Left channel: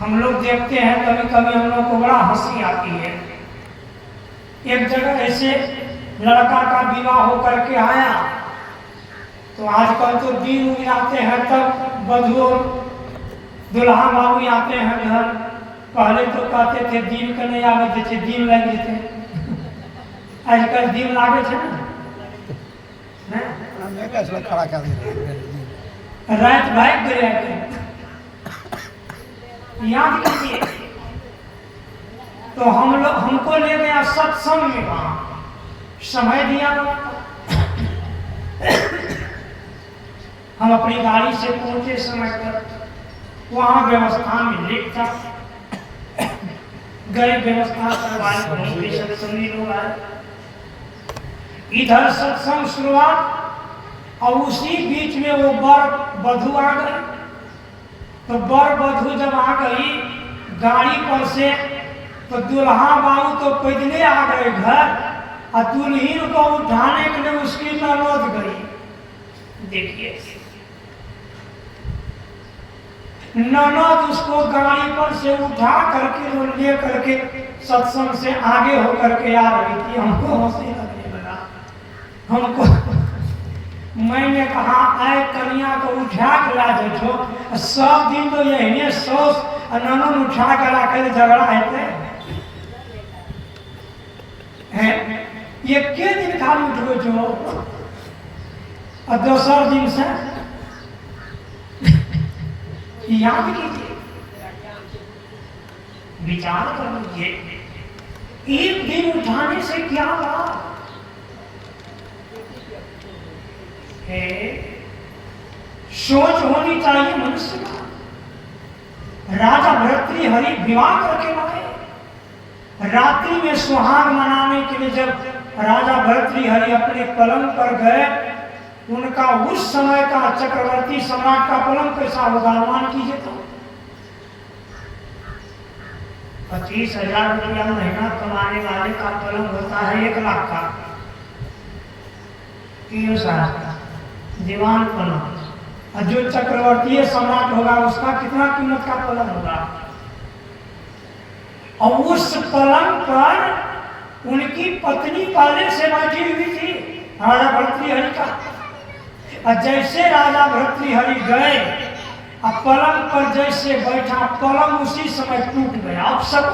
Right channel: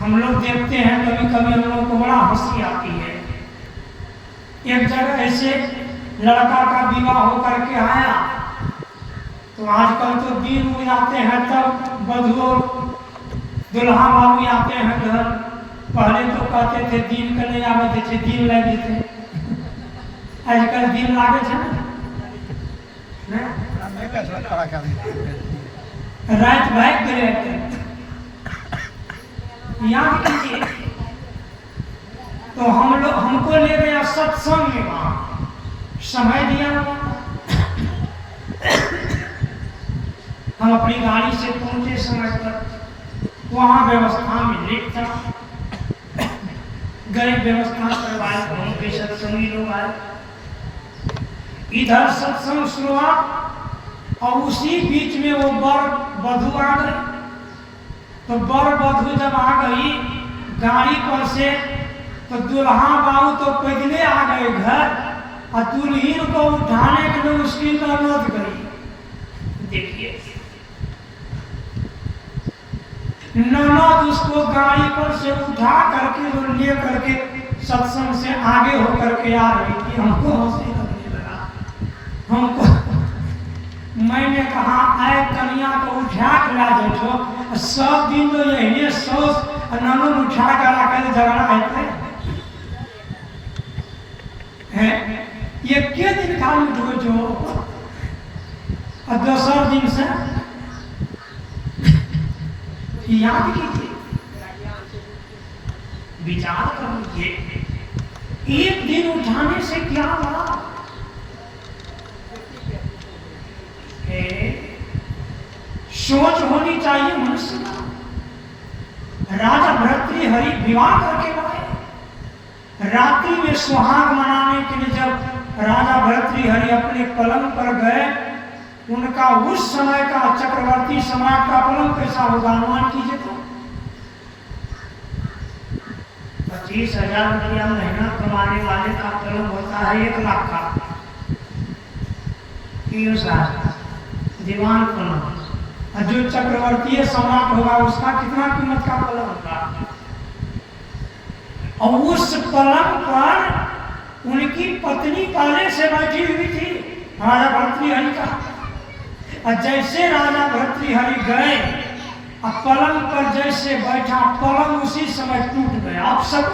हम लोग देखते हैं कभी कभी हम लोग को बड़ा हंसी आती है। एक जगह ऐसे लड़का का विवाह होकर के आया, तो आजकल तो दिन उग जाते हैं तब वधू और दुल्हा बाबू आते हैं घर। पहले तो कहते थे दिन के नहीं आवे थे, दिन लगे थे। आजकल दिन लागे थे ना, रात भाग गए। याद कीजिए, तो हमको ले गया सत्संग में, वहां समय दिया। हम अपनी गाड़ी से पहुंचे समय पर, वहां व्यवस्था में लेट था। गए व्यवस्था करवाए, वहीं पे सत्संगी लोग आए, इधर सत्संग शुरुआत, और उसी बीच में वो वर वधू आ गए। तो वर वधू जब आ गई गाड़ी पर से, तो दुल्हा बाबू तो पैदले आ गए घर, और दुल्हीन को उठाने के लिए उसकी नौबत गई। देखिए, ननद उसको गाड़ी पर से उठा करके और ले करके सत्संग से आगे होकर के आ रही थी। हमको हंसी लगने लगा। हमको मैंने कहा, आए कन्या को उठा के ला दो, सब दिन तो यही सोच ननद उठा कर आकर झगड़ा है। ये के दिन खाली उठ गए जो, और दूसर दिन से याद कीजिए, विचार कर लीजिए, एक दिन उठाने से क्या लाभ है? सोच होनी चाहिए मनुष्य का। राजा भर्तृहरि विवाह करके लाए। रात्रि में सुहाग मनाने के लिए जब राजा भर्तृहरि अपने पलंग पर गए, उनका उस समय का चक्रवर्ती सम्राट का पलंग कैसा होगा, अनुमान कीजिए। तो 25,000 रुपया महीना कमाने वाले का पलंग होता है 1 लाख का। दीवान पलंग, और जो चक्रवर्ती सम्राट होगा उसका कितना कीमत का पलंग होगा। और उस पलंग पर उनकी पत्नी पहले से बैठी हुई थी, राजा भर्तृहरि का। और जैसे राजा भर्तृहरि गए, अब पलंग पर जैसे बैठा, पलंग उसी समय टूट गया। अब सब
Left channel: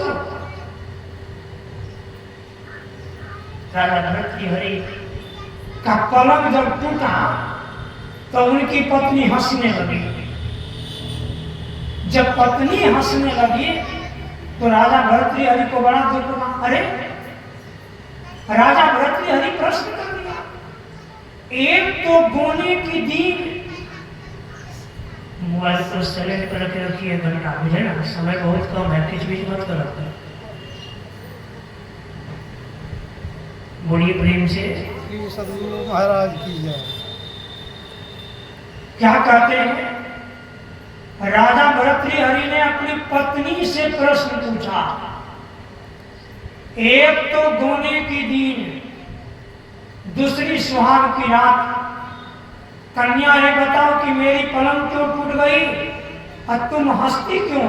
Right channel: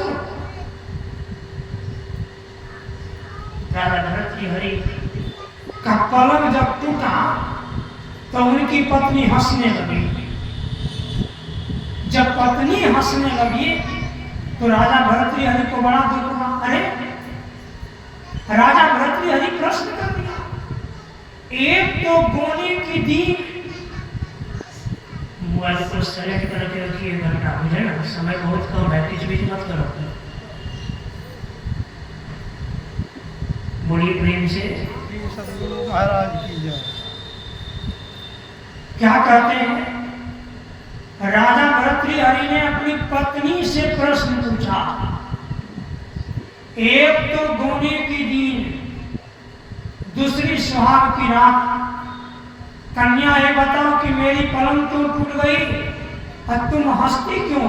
राजा भर्तृहरि का पलंग जब टूटा, तो उनकी पत्नी हंसने लगी। जब पत्नी हंसने लगी, तो राजा भर्तृहरि को बड़ा दुख हुआ। अरे, राजा भर्तृहरि प्रश्न कर दिया, एक तो गोने की दीन, मोबाइल को सेलेक्ट करके रखिए घंटा, मुझे ना समय बहुत कम है, किस बीच मत करो। बोलिए प्रेम से, महाराज की जय। क्या कहते हैं? राजा भर्तृहरि ने अपनी पत्नी से प्रश्न पूछा, एक तो गोने की दीन, दूसरी सुहाग की रात। कन्या, ये बताओ कि मेरी पलंग क्यों टूट गई और तुम हंसती क्यों?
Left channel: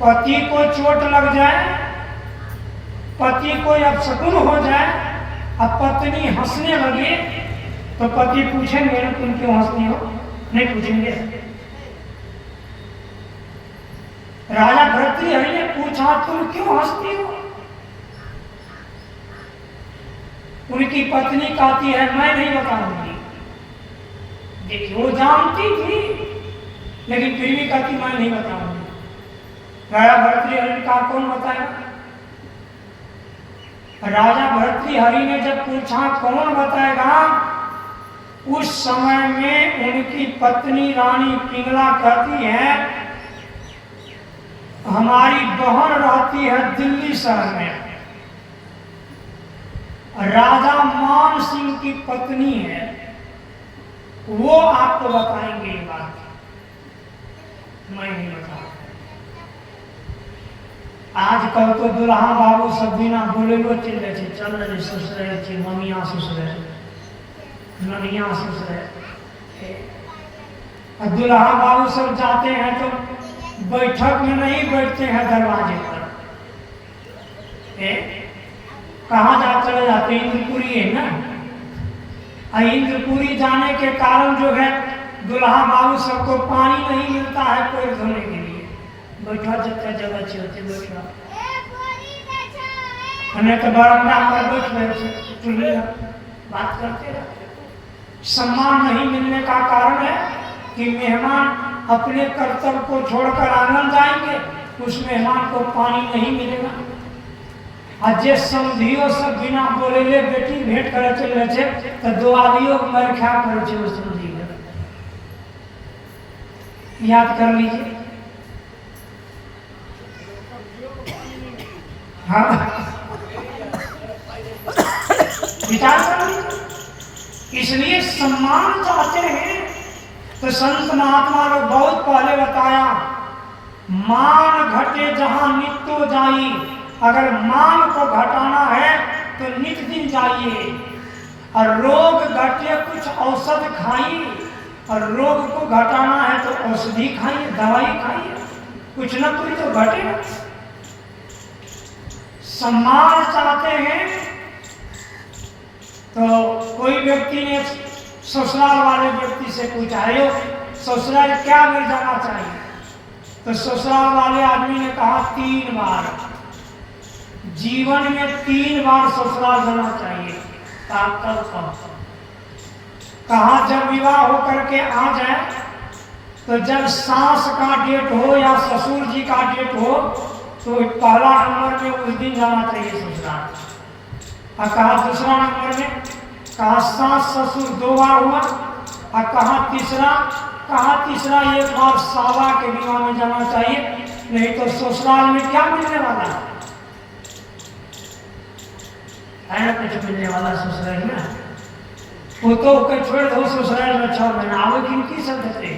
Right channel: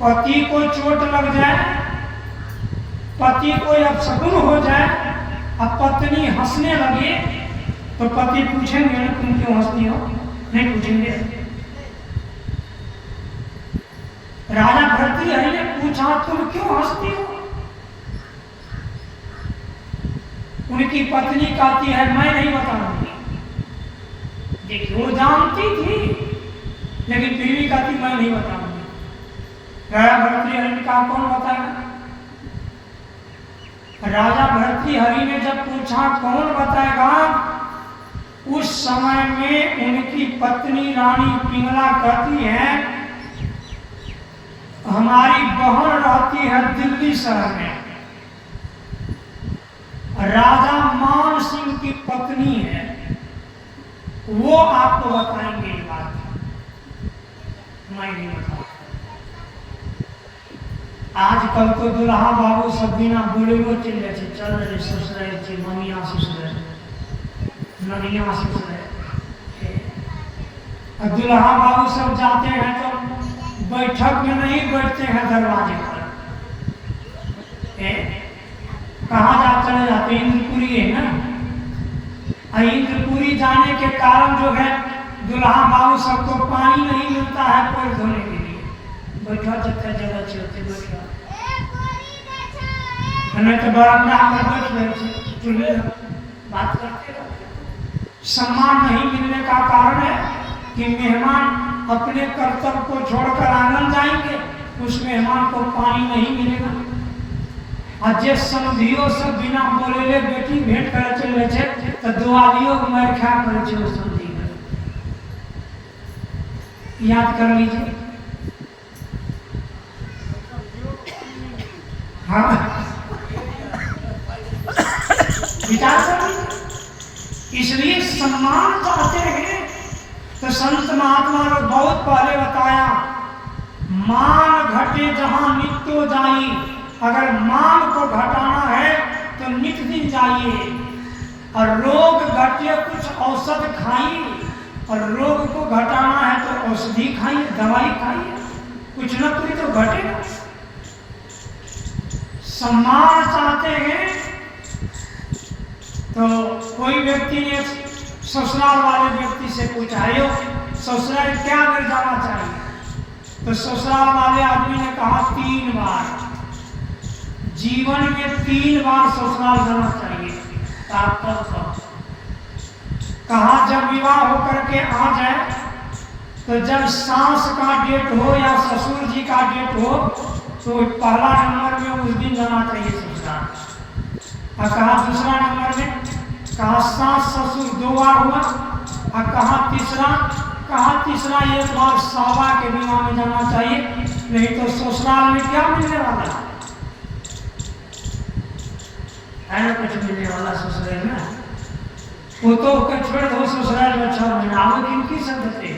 पति को चोट लग जाए, पति को अपशकुन हो जाए, अब पत्नी हंसने लगे, तो पति पूछेंगे ना तुम क्यों हंसती हो? नहीं पूछेंगे। राजा भर्तृहरि ने पूछा, तुम क्यों हंसती हो? उनकी पत्नी कहती है, मैं नहीं बताऊंगी। देखिए, वो जानती थी, लेकिन फिर भी कहती मैं नहीं बताऊंगी। राजा भर्तृहरि का कौन बताएगा? राजा भर्तृहरि ने जब पूछा कौन बताएगा, उस समय में उनकी पत्नी रानी पिंगला कहती है, हमारी बहन रहती है दिल्ली शहर में, राजा मान सिंह की पत्नी है, वो आपको बताएंगे ये बात, मैं नहीं बताऊंगा। आजकल तो दुल्हा बाबू सब बिना बोले चल जाए, चल रहे ससुरे, ममिया ससुरे, ननिया ससुरे, और दुल्हा बाबू सब जाते हैं तो बैठक में नहीं बैठते हैं दरवाजे पर। कहाँ जा चले जाते? इंद्रपुरी है ना। और इंद्रपुरी जाने के कारण जो है दुल्हा बाबू सबको पानी नहीं मिलता है पैर धोने के लिए। बैठा जितना जगह चाहिए बैठा, नहीं तो बरामदा पर बैठ रहे चूल्हे बात करते रहते। सम्मान नहीं मिलने का कारण है कि मेहमान अपने कर्तव्य को छोड़कर आंगन जाएंगे, उस मेहमान को पानी नहीं मिलेगा। और जे समझियो सब बिना बोले ले बेटी भेंट करे चले छे तो दो आलियों मर खा करे छे वो समझी कर। याद कर लीजिए। हाँ विचार कर लीजिए। इसलिए सम्मान चाहते हैं तो संत महात्मा ने बहुत पहले बताया, मान घटे जहां नित्यो जाई। अगर मान को घटाना है तो नित दिन जाइए। और रोग घटे कुछ औषध खाइए, और रोग को घटाना है तो औषधि खाइए, दवाई खाइए, कुछ न कुछ तो घटेगा। सम्मान चाहते हैं तो कोई व्यक्ति ने ससुराल वाले व्यक्ति से पूछा, ससुराल क्या मिल जाना चाहिए? तो ससुराल वाले आदमी ने कहा 3 बार, जीवन में 3 बार ससुराल जाना चाहिए। कहा जब विवाह होकर के आ जाए तो जब सास का डेट हो या ससुर जी का डेट हो तो पहला नंबर में उस दिन जाना चाहिए ससुराल। और कहा दूसरा नंबर में, कहा सास ससुर 2 बार हुआ। और कहा तीसरा 1 बार सावा के विवाह में जाना चाहिए, नहीं तो ससुराल में क्या मिलने वाला है ना? कुछ मिलने वाला ससुराल में वो तो छोड़ दो। ससुराल में 6 महीना आवे किनकी संगते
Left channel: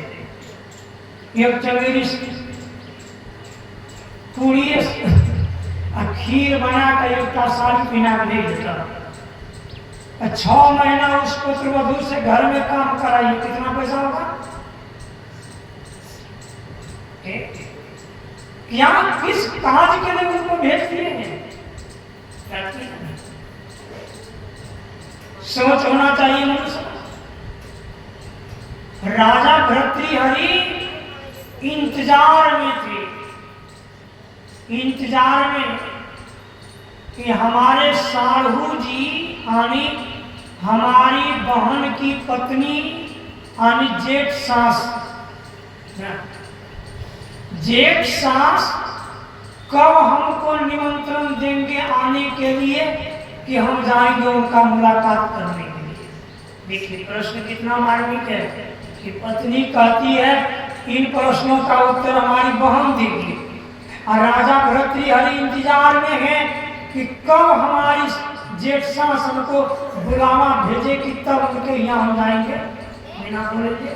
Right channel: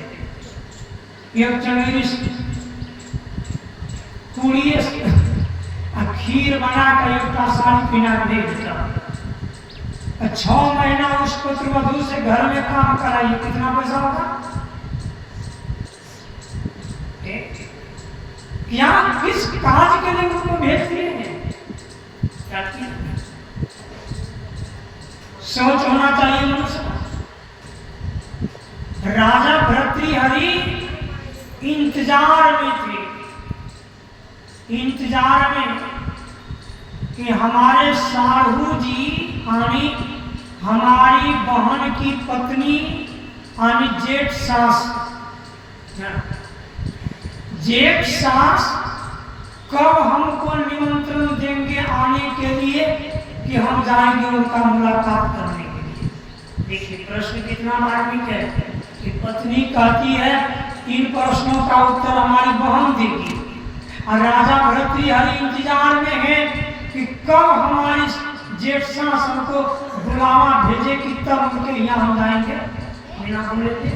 एक चवेरी पूरी खीर बना कर एक साड़ी पहना दे देता। 6 महीना उस पुत्रवधू से घर में काम कराइए, कितना पैसा होगा? क्या किस काज के लिए उनको भेज दिए हैं? सोच होना चाहिए मनुष्य। राजा भर्तृहरि इंतजार में थे, इंतजार में कि हमारे साढ़ू जी यानी हमारी बहन की पत्नी यानी जेठ सास, जेठ सास कब हमको निमंत्रण देंगे आने के लिए कि हम जाएंगे उनका मुलाकात करने के लिए। देखिए प्रश्न कितना मार्मिक है कि पत्नी कहती है इन प्रश्नों का उत्तर हमारी बहन देगी, और राजा भर्तृहरि इंतजार में है कि कब हमारी जेठ सास हमको बुलावा भेजे कि तब उनके यहाँ हम जाएंगे। बिना बोले थे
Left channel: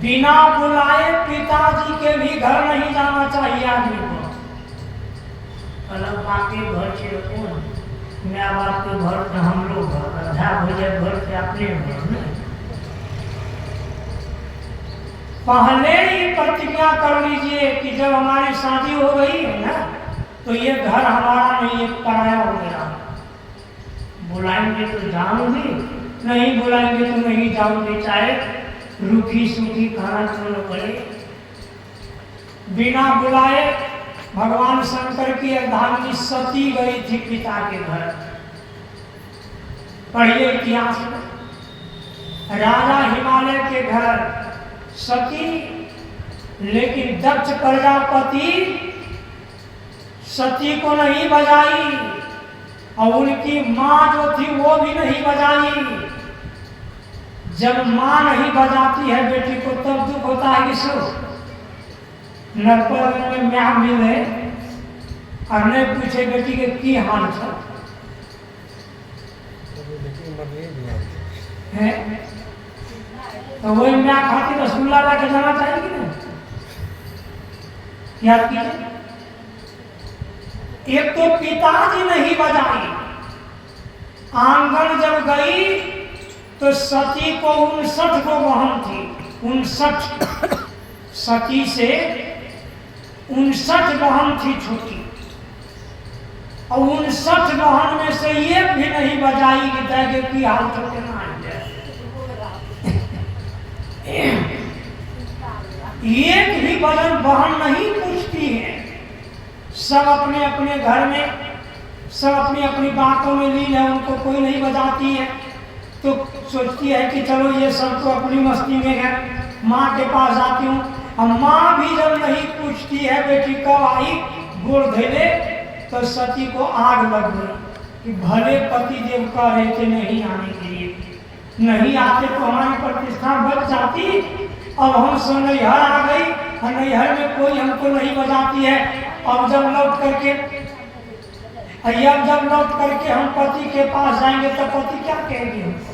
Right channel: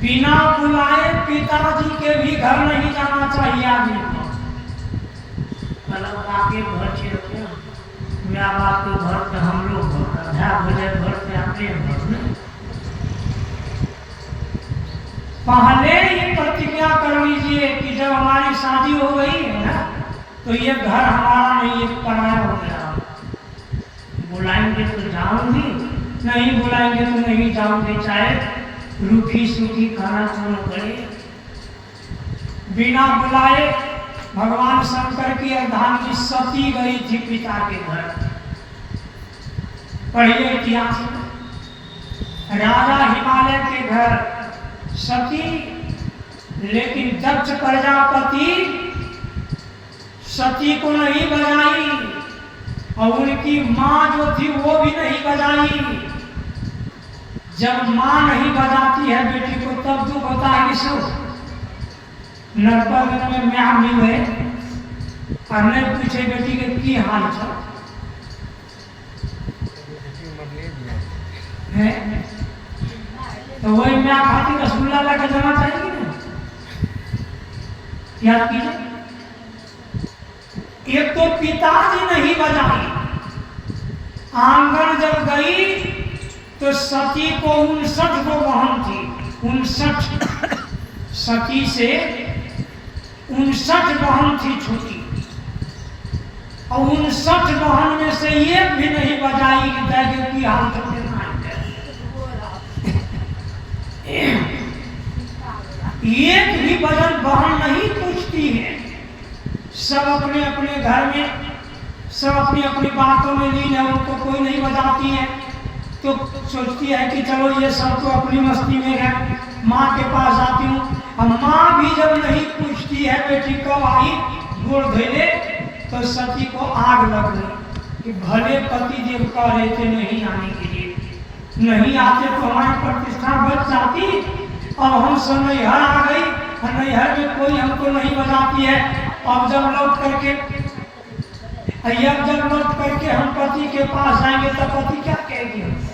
बिना बुलाए पिताजी के भी घर नहीं जाना चाहिए आदमी को। अलग आपके घर से होते हैं, मैं आपके घर पे हम लोग घर पे अपने घर में पहले ही प्रतिज्ञा कर लीजिए कि जब हमारी शादी हो गई है ना तो ये घर हमारा नहीं, ये पराया हो गया। बुलाएंगे तो जाऊंगी, नहीं बुलाएंगे तो नहीं जाऊंगी, चाहे रूखी सूखी खाना छोड़ना पड़े। बिना बुलाए भगवान शंकर की अर्धांगिनी सती गई थी पिता के घर। पढ़िए इतिहास में राजा हिमालय के घर सती, लेकिन दक्ष प्रजापति सती को नहीं बजाई और उनकी माँ जो थी वो भी नहीं बजाई। जब माँ नहीं बजाती है बेटी को तब दुख होता है कि सो नरपत में म्या मिले और नहीं पूछे बेटी के की हाल है, तो वही म्या खाती रसगुल्ला लाके देना चाहिए ना। याद कीजिए, एक तो पिताजी नहीं बजाई आंगन जब गई तो सती को 59 को बहन थी। 59 सती से 59 बहन थी छोटी, और 59 बहन में से एक भी नहीं बजाई कि दैगे की हाल तो देना एक भी बदन बहन नहीं पूछती है। सब अपने अपने घर में, सब अपनी अपनी बातों में लीन है, उनको कोई नहीं बजाती है। तो सोचती है कि चलो ये सब तो अपनी मस्ती में है, माँ के पास जाती हूँ। अब माँ भी जब नहीं पूछती है बेटी कब आई, गोड़ धैले, तो सती को आग लग गई कि भले पति देव कह रहे थे नहीं आने के लिए, नहीं आते तो हमारी प्रतिष्ठा बच जाती। अब हम सब नैहर आ गई, नैहर में कोई हमको नहीं बजाती है। अब जब लौट करके हम पति के पास जाएंगे तो पति क्या कहेंगे हमको?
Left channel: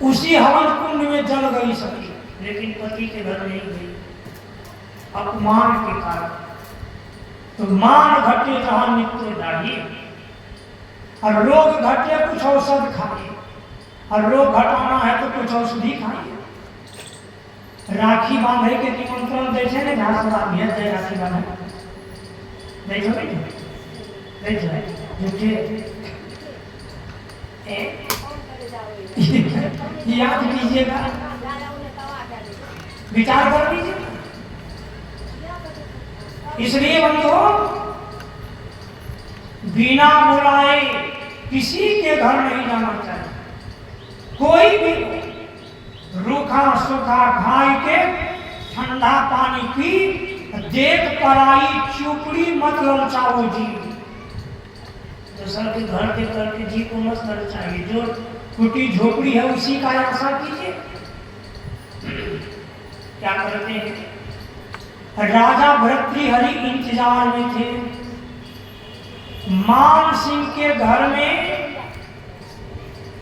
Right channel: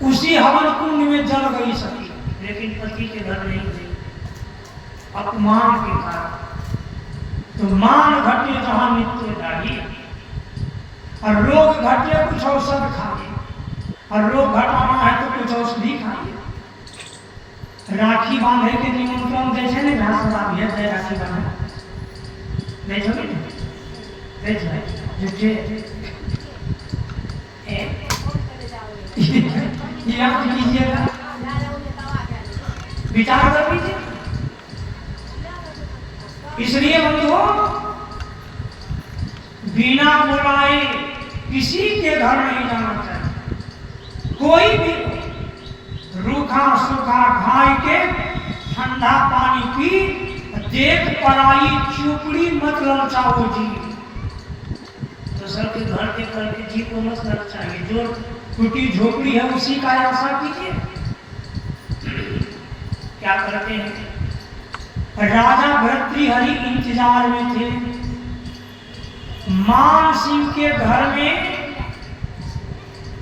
उसी हवन कुंड में जल गई सती, लेकिन पति के घर नहीं गई अपमान के कारण। तो मान घटे जहां नित्य दाढ़ी, और रोग घटे कुछ औषध खाइए, और रोग घटाना है तो कुछ औषधि खाइए। राखी बांधे के निमंत्रण दे छे ने, घास बांधे दे राखी बांधे दे छे दे छे जुटे याद कीजिएगा, विचार कर लीजिए। इसलिए बंधुओं, बिना बुलाए किसी के घर नहीं जाना चाहिए। कोई भी रूखा सूखा खाई के ठंडा पानी पी, देख पराई चुपड़ी मत ललचाओ जी। तो सर के घर के करके जी को मत ललचाइए, जो टूटी झोपड़ी है उसी का आशा कीजिए। क्या करते हैं? राजा भर्तृहरि इंतजार में थे। मान सिंह के घर में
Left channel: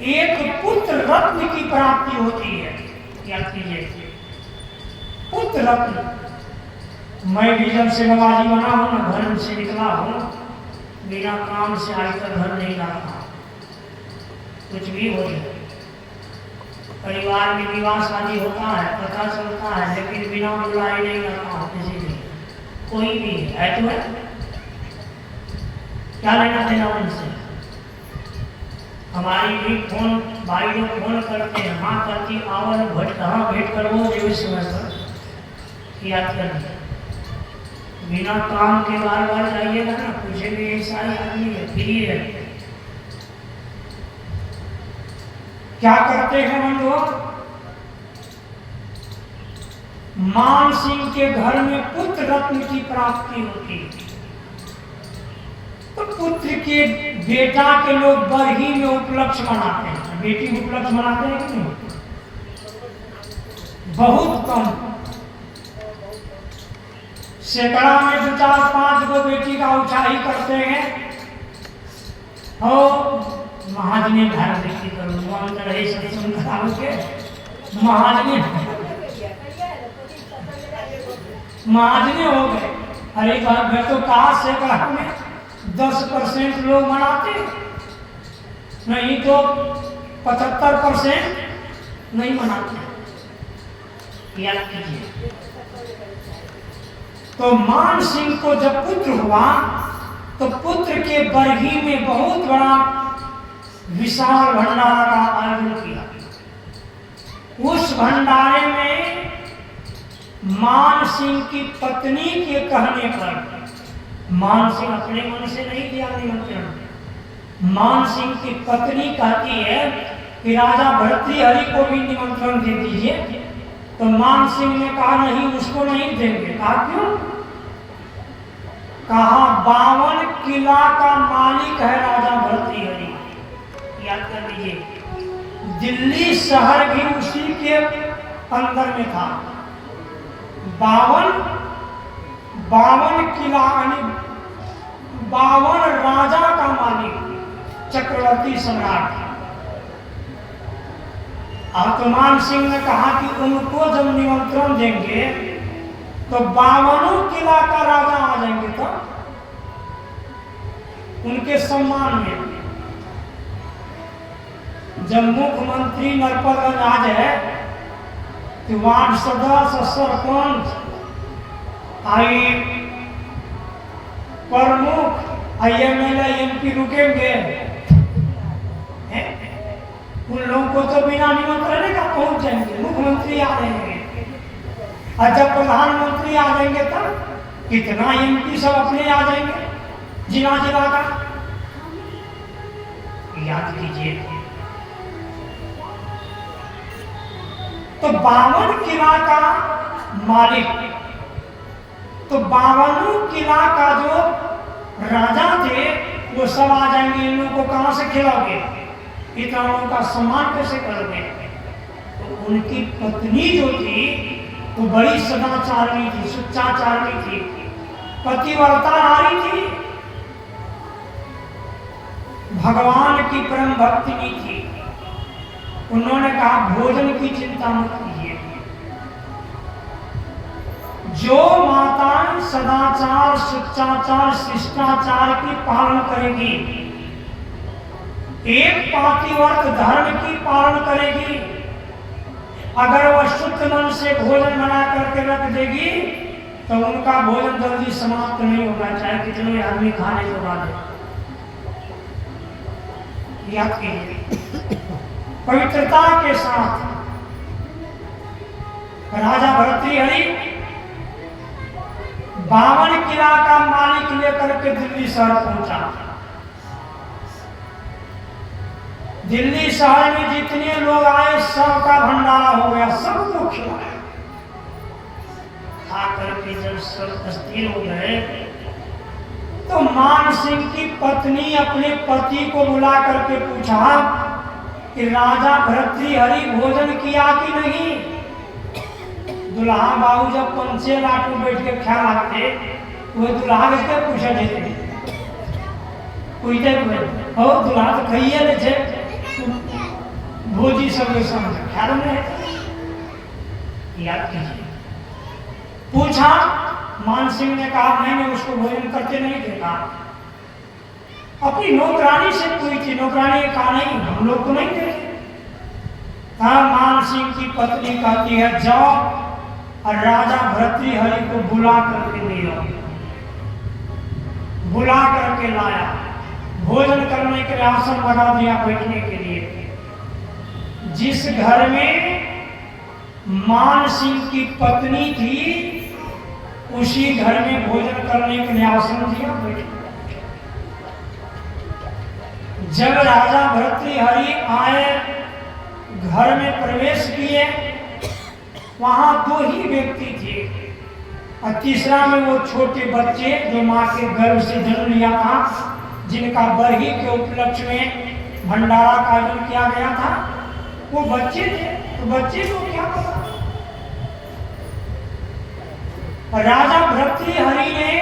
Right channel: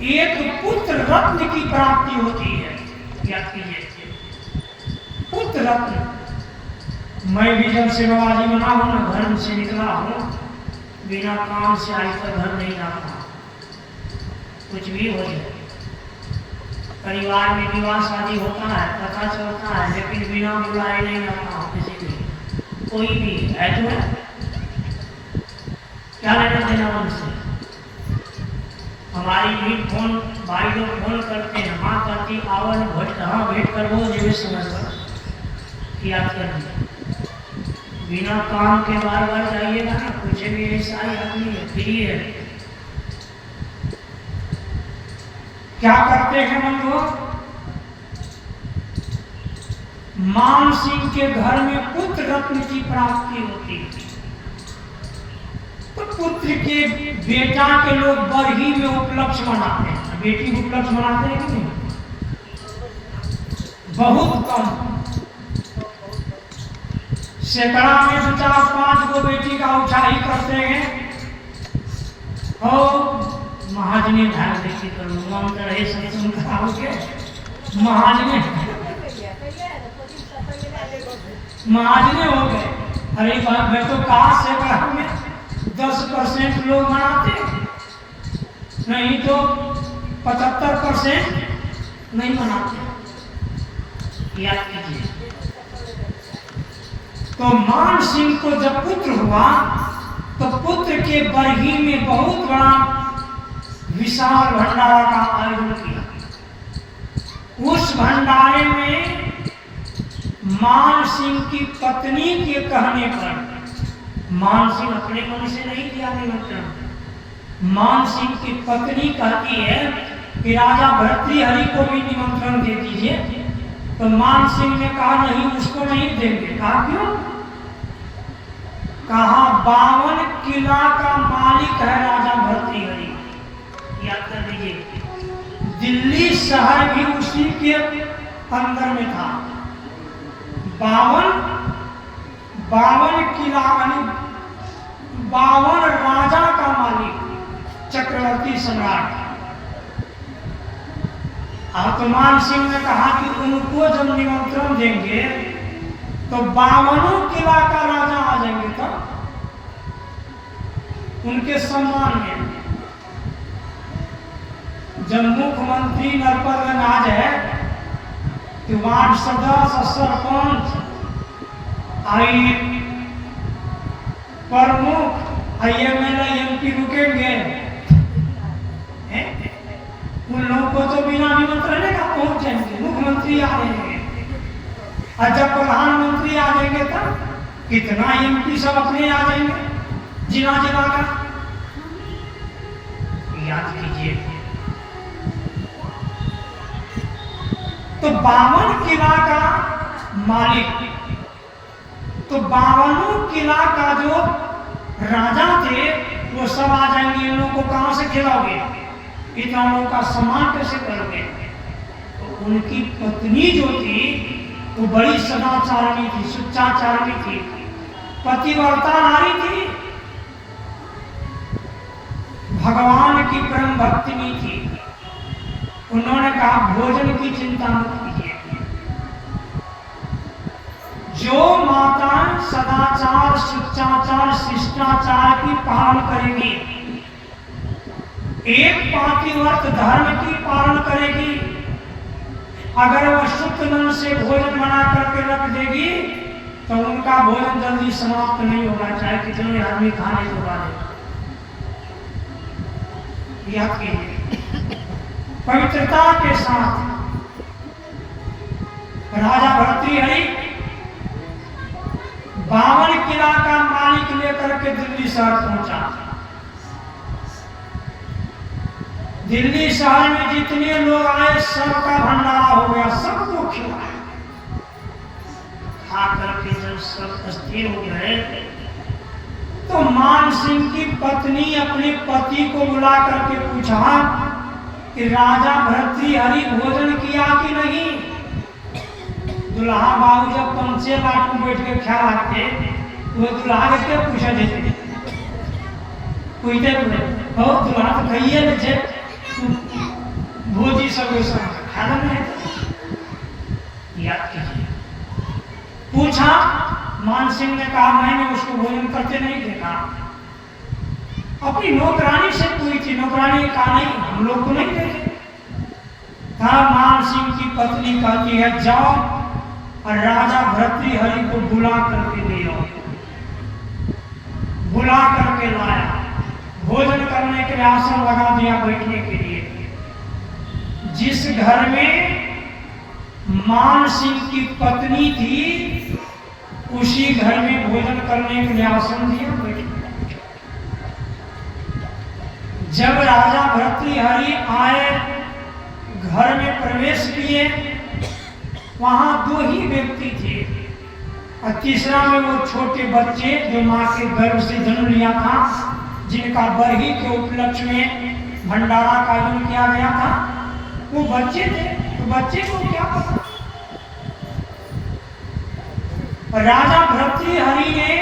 एक पुत्र रत्न की प्राप्ति होती है। क्या कीजिए? पुत्र रत्न। मैं भी जब से बाबाजी बना हूं ना, घर से निकला हूं, बिना काम से आज तक घर नहीं रहा। कुछ भी हो जाए, परिवार में विवाह शादी होता है, पता चलता है, लेकिन बिना बुलाए नहीं रहता किसी भी, कोई भी है तो है। क्या लेना देना उनसे? हमारी भी फोन भाई लोग फोन करते हैं, हाँ करती आवर भेंट, हाँ भेंट कर वो जो समझ किया कर। बिना काम के बार बार जाइएगा ना, पूछेंगे ऐसा ही आदमी है, फ्री है। क्या करते हैं हम लोग? मान सिंह के घर में पुत्र रत्न की प्राप्ति होती है, तो पुत्र के बेटा के लोग बरही में उपलक्ष्य मनाते हैं। बेटी उपलक्ष्य मनाते हैं कि नहीं? बहुत कम, सैकड़ा में 2 4 5 गो बेटी का उछाही करते हैं। हो महाजने ध्यान देखी करूँ अंदर है सत्संग कराओगे। महाजने हो गए। अरे बात मैं तो कहा सैकड़ा में 10% लोग मनाते, नहीं तो 75% नहीं मनाते। याद कीजिए। तो मान सिंह को जब पुत्र हुआ तो पुत्र के बरही में बहुत बड़ा विशाल भंडारा का आयोजन किया। उस भंडारे में मान सिंह की पत्नी के कहने पर, मान सिंह अपने मन से नहीं दिया निमंत्रण, मान सिंह की पत्नी कहती है कि राजा भर्तृहरि को भी निमंत्रण दे दीजिए। तो मान सिंह ने कहा नहीं, उसको नहीं देंगे। कहा क्यों? कहा 52 किला का मालिक है राजा भर्तृहरि। याद कर लीजिए, दिल्ली शहर भी उसी के अंदर में था। 52 किला यानी 52 राजा का मालिक, चक्रवर्ती सम्राट। अब तो मान सिंह ने कहा कि उनको जब निमंत्रण देंगे तो 52 किला का राजा आ जाएंगे। उनके सम्मान में जब मुख्यमंत्री नरपतगंज आ जाए कि वार्ड सदस्य सरपंच आई प्रमुख आई एमएलए एमपी रुकेंगे, उन लोगों को तो बिना निमंत्रण का पहुंच जाएंगे। मुख्यमंत्री आ रहे हैं और जब प्रधानमंत्री आ जाएंगे तब कितना एमपी सब अपने आ जाएंगे जिला जिला का। याद कीजिए तो 52 किला का मालिक, तो 52 किला का जो राजा थे वो सब आ जाएंगे। इन लोगों को कहां से खिलाओगे, इतना लोगों का सम्मान कैसे करोगे। तो उनकी पत्नी जो थी वो बड़ी सदाचारणी थी, सुचाचारणी थी, पतिव्रता नारी थी, भगवान की परम भक्तिनी थी। उन्होंने कहा भोजन की चिंता मत कीजिए। जो माता सदाचार शिष्टाचार शिष्टाचार की पालन करेगी, एक पातिव्रत धर्म की पालन करेगी, अगर वह शुद्ध मन से भोजन बना करके रख देगी तो उनका भोजन जल्दी समाप्त नहीं होगा, चाहे कितने आदमी खाने को डाले। याद कीजिए पवित्रता के साथ राजा भर्तृहरि 52 किला का मालिक लेकर के दिल्ली शहर पहुंचा। दिल्ली शहर में जितने लोग आए सबका भंडारा हो गया, सबको खिलाया। खा करके जब सब स्थिर हो गए तो मान सिंह की पत्नी अपने पति को बुला करके पूछा कि राजा भर्तृहरि भोजन किया कि नहीं। दुल्हा बाबू जब पंचे लाट में बैठ के ख्याल आते वो दुल्हा के पूछे देते, पूछते हो दुल्हा तो कहिए न छे भोजी सब ख्याल में। याद कीजिए पूछा, मान सिंह ने कहा मैंने उसको भोजन करते नहीं देखा। अपनी नौकरानी से पूछी थी, नौकरानी ने कहा नहीं हम लोग को नहीं देखे। मान सिंह की पत्नी कहती है जाओ और राजा भर्तृहरि को बुला करके ले आओ। बुला करके लाया, भोजन करने के लिए आसन लगा दिया बैठने के लिए। जिस घर में मान सिंह की पत्नी थी उसी घर में भोजन करने के लिए आसन दिया, बैठने। जब राजा भर्तृहरि आए, घर में प्रवेश किए, वहां 2 ही व्यक्ति थे और तीसरा में वो छोटे बच्चे जो मां के गर्भ से जन्म लिया था, जिनका बरही के उपलक्ष्य में भंडारा का आयोजन किया गया था, वो बच्चे थे। तो बच्चे को क्या पता। राजा भर्तृहरि ने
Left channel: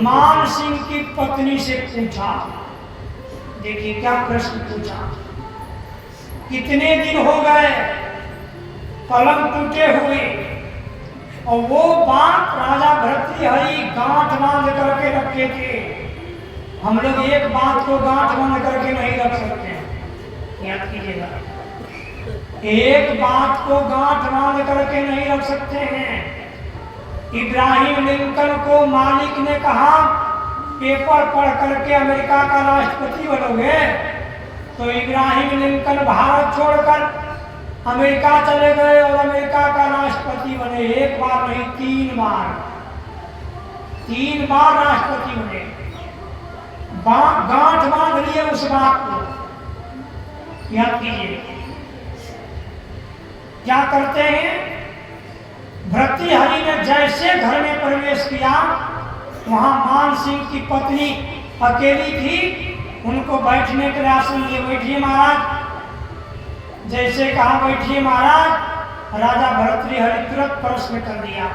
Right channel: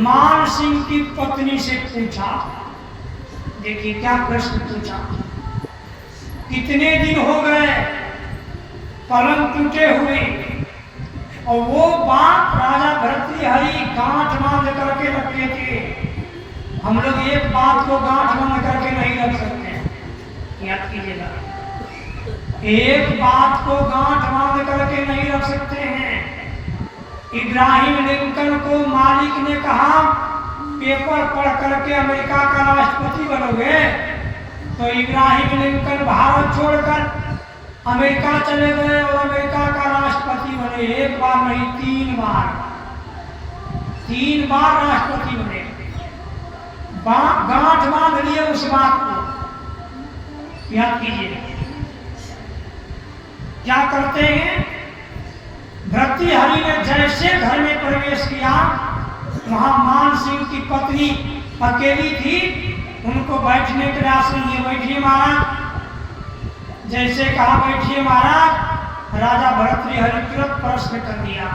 मान सिंह की पत्नी से पूछा, देखिए क्या प्रश्न पूछा, कितने दिन हो गए पलंग टूटे हुए। और वो बात राजा भर्तृहरि गांठ बांध करके रखे थे। हम लोग एक बात को गांठ बांध करके नहीं रख सकते, याद कीजिएगा। एक बात को गांठ बांध करके नहीं रख सकते हैं। इब्राहिम लिंकन को मालिक ने कहा पेपर पढ़ करके अमेरिका का राष्ट्रपति बनोगे, तो इब्राहिम लिंकन भारत छोड़कर अमेरिका चले गए और अमेरिका का राष्ट्रपति बने। एक बार नहीं 3 बार, 3 बार राष्ट्रपति बने। गांठ बांध लिए उस बात को, याद कीजिए। क्या करते हैं, भर्तृहरि ने जैसे घर में प्रवेश किया, वहां मान सिंह की पत्नी अकेली थी, उनको बैठने के लिए आसन दिए, बैठिए महाराज। जैसे कहा बैठिए महाराज, राजा भर्तृहरि तुरंत प्रश्न कर दिया,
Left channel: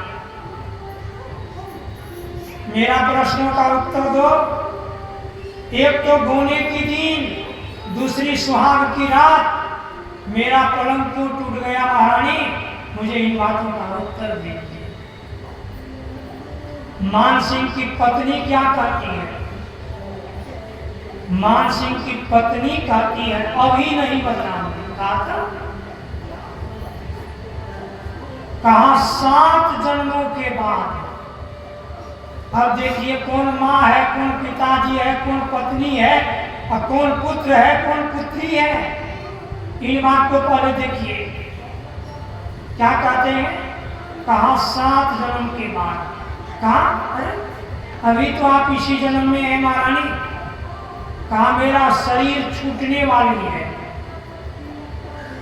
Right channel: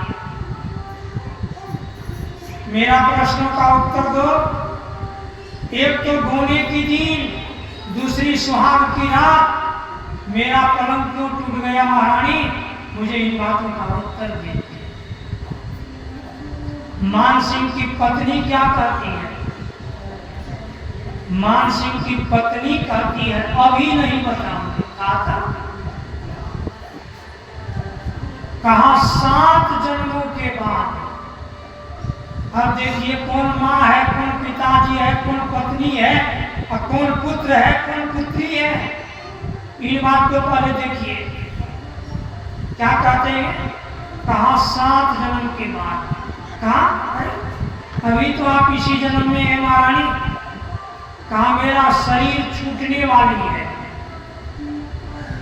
मेरा प्रश्नों का उत्तर दो। एक तो गोने की दिन, दूसरी सुहाग की रात, मेरा पलंग क्यों टूट गया महारानी, मुझे इन बातों का उत्तर दीजिए। मान सिंह की पत्नी क्या कहती है, मान सिंह की पत्नी कहती है अभी नहीं बताऊंगी। कहा था, कहा 7 जन्मों के बाद। अब देखिए कौन माँ है, कौन पिताजी है, कौन पत्नी है और कौन पुत्र है, कौन पुत्री है। इन बात को पहले देखिए क्या कहते हैं। कहा 7 जन्म के बाद। कहा अरे अभी तो आप इसी जन्म में है महारानी। कहा मेरा शरीर छूटने वाली है।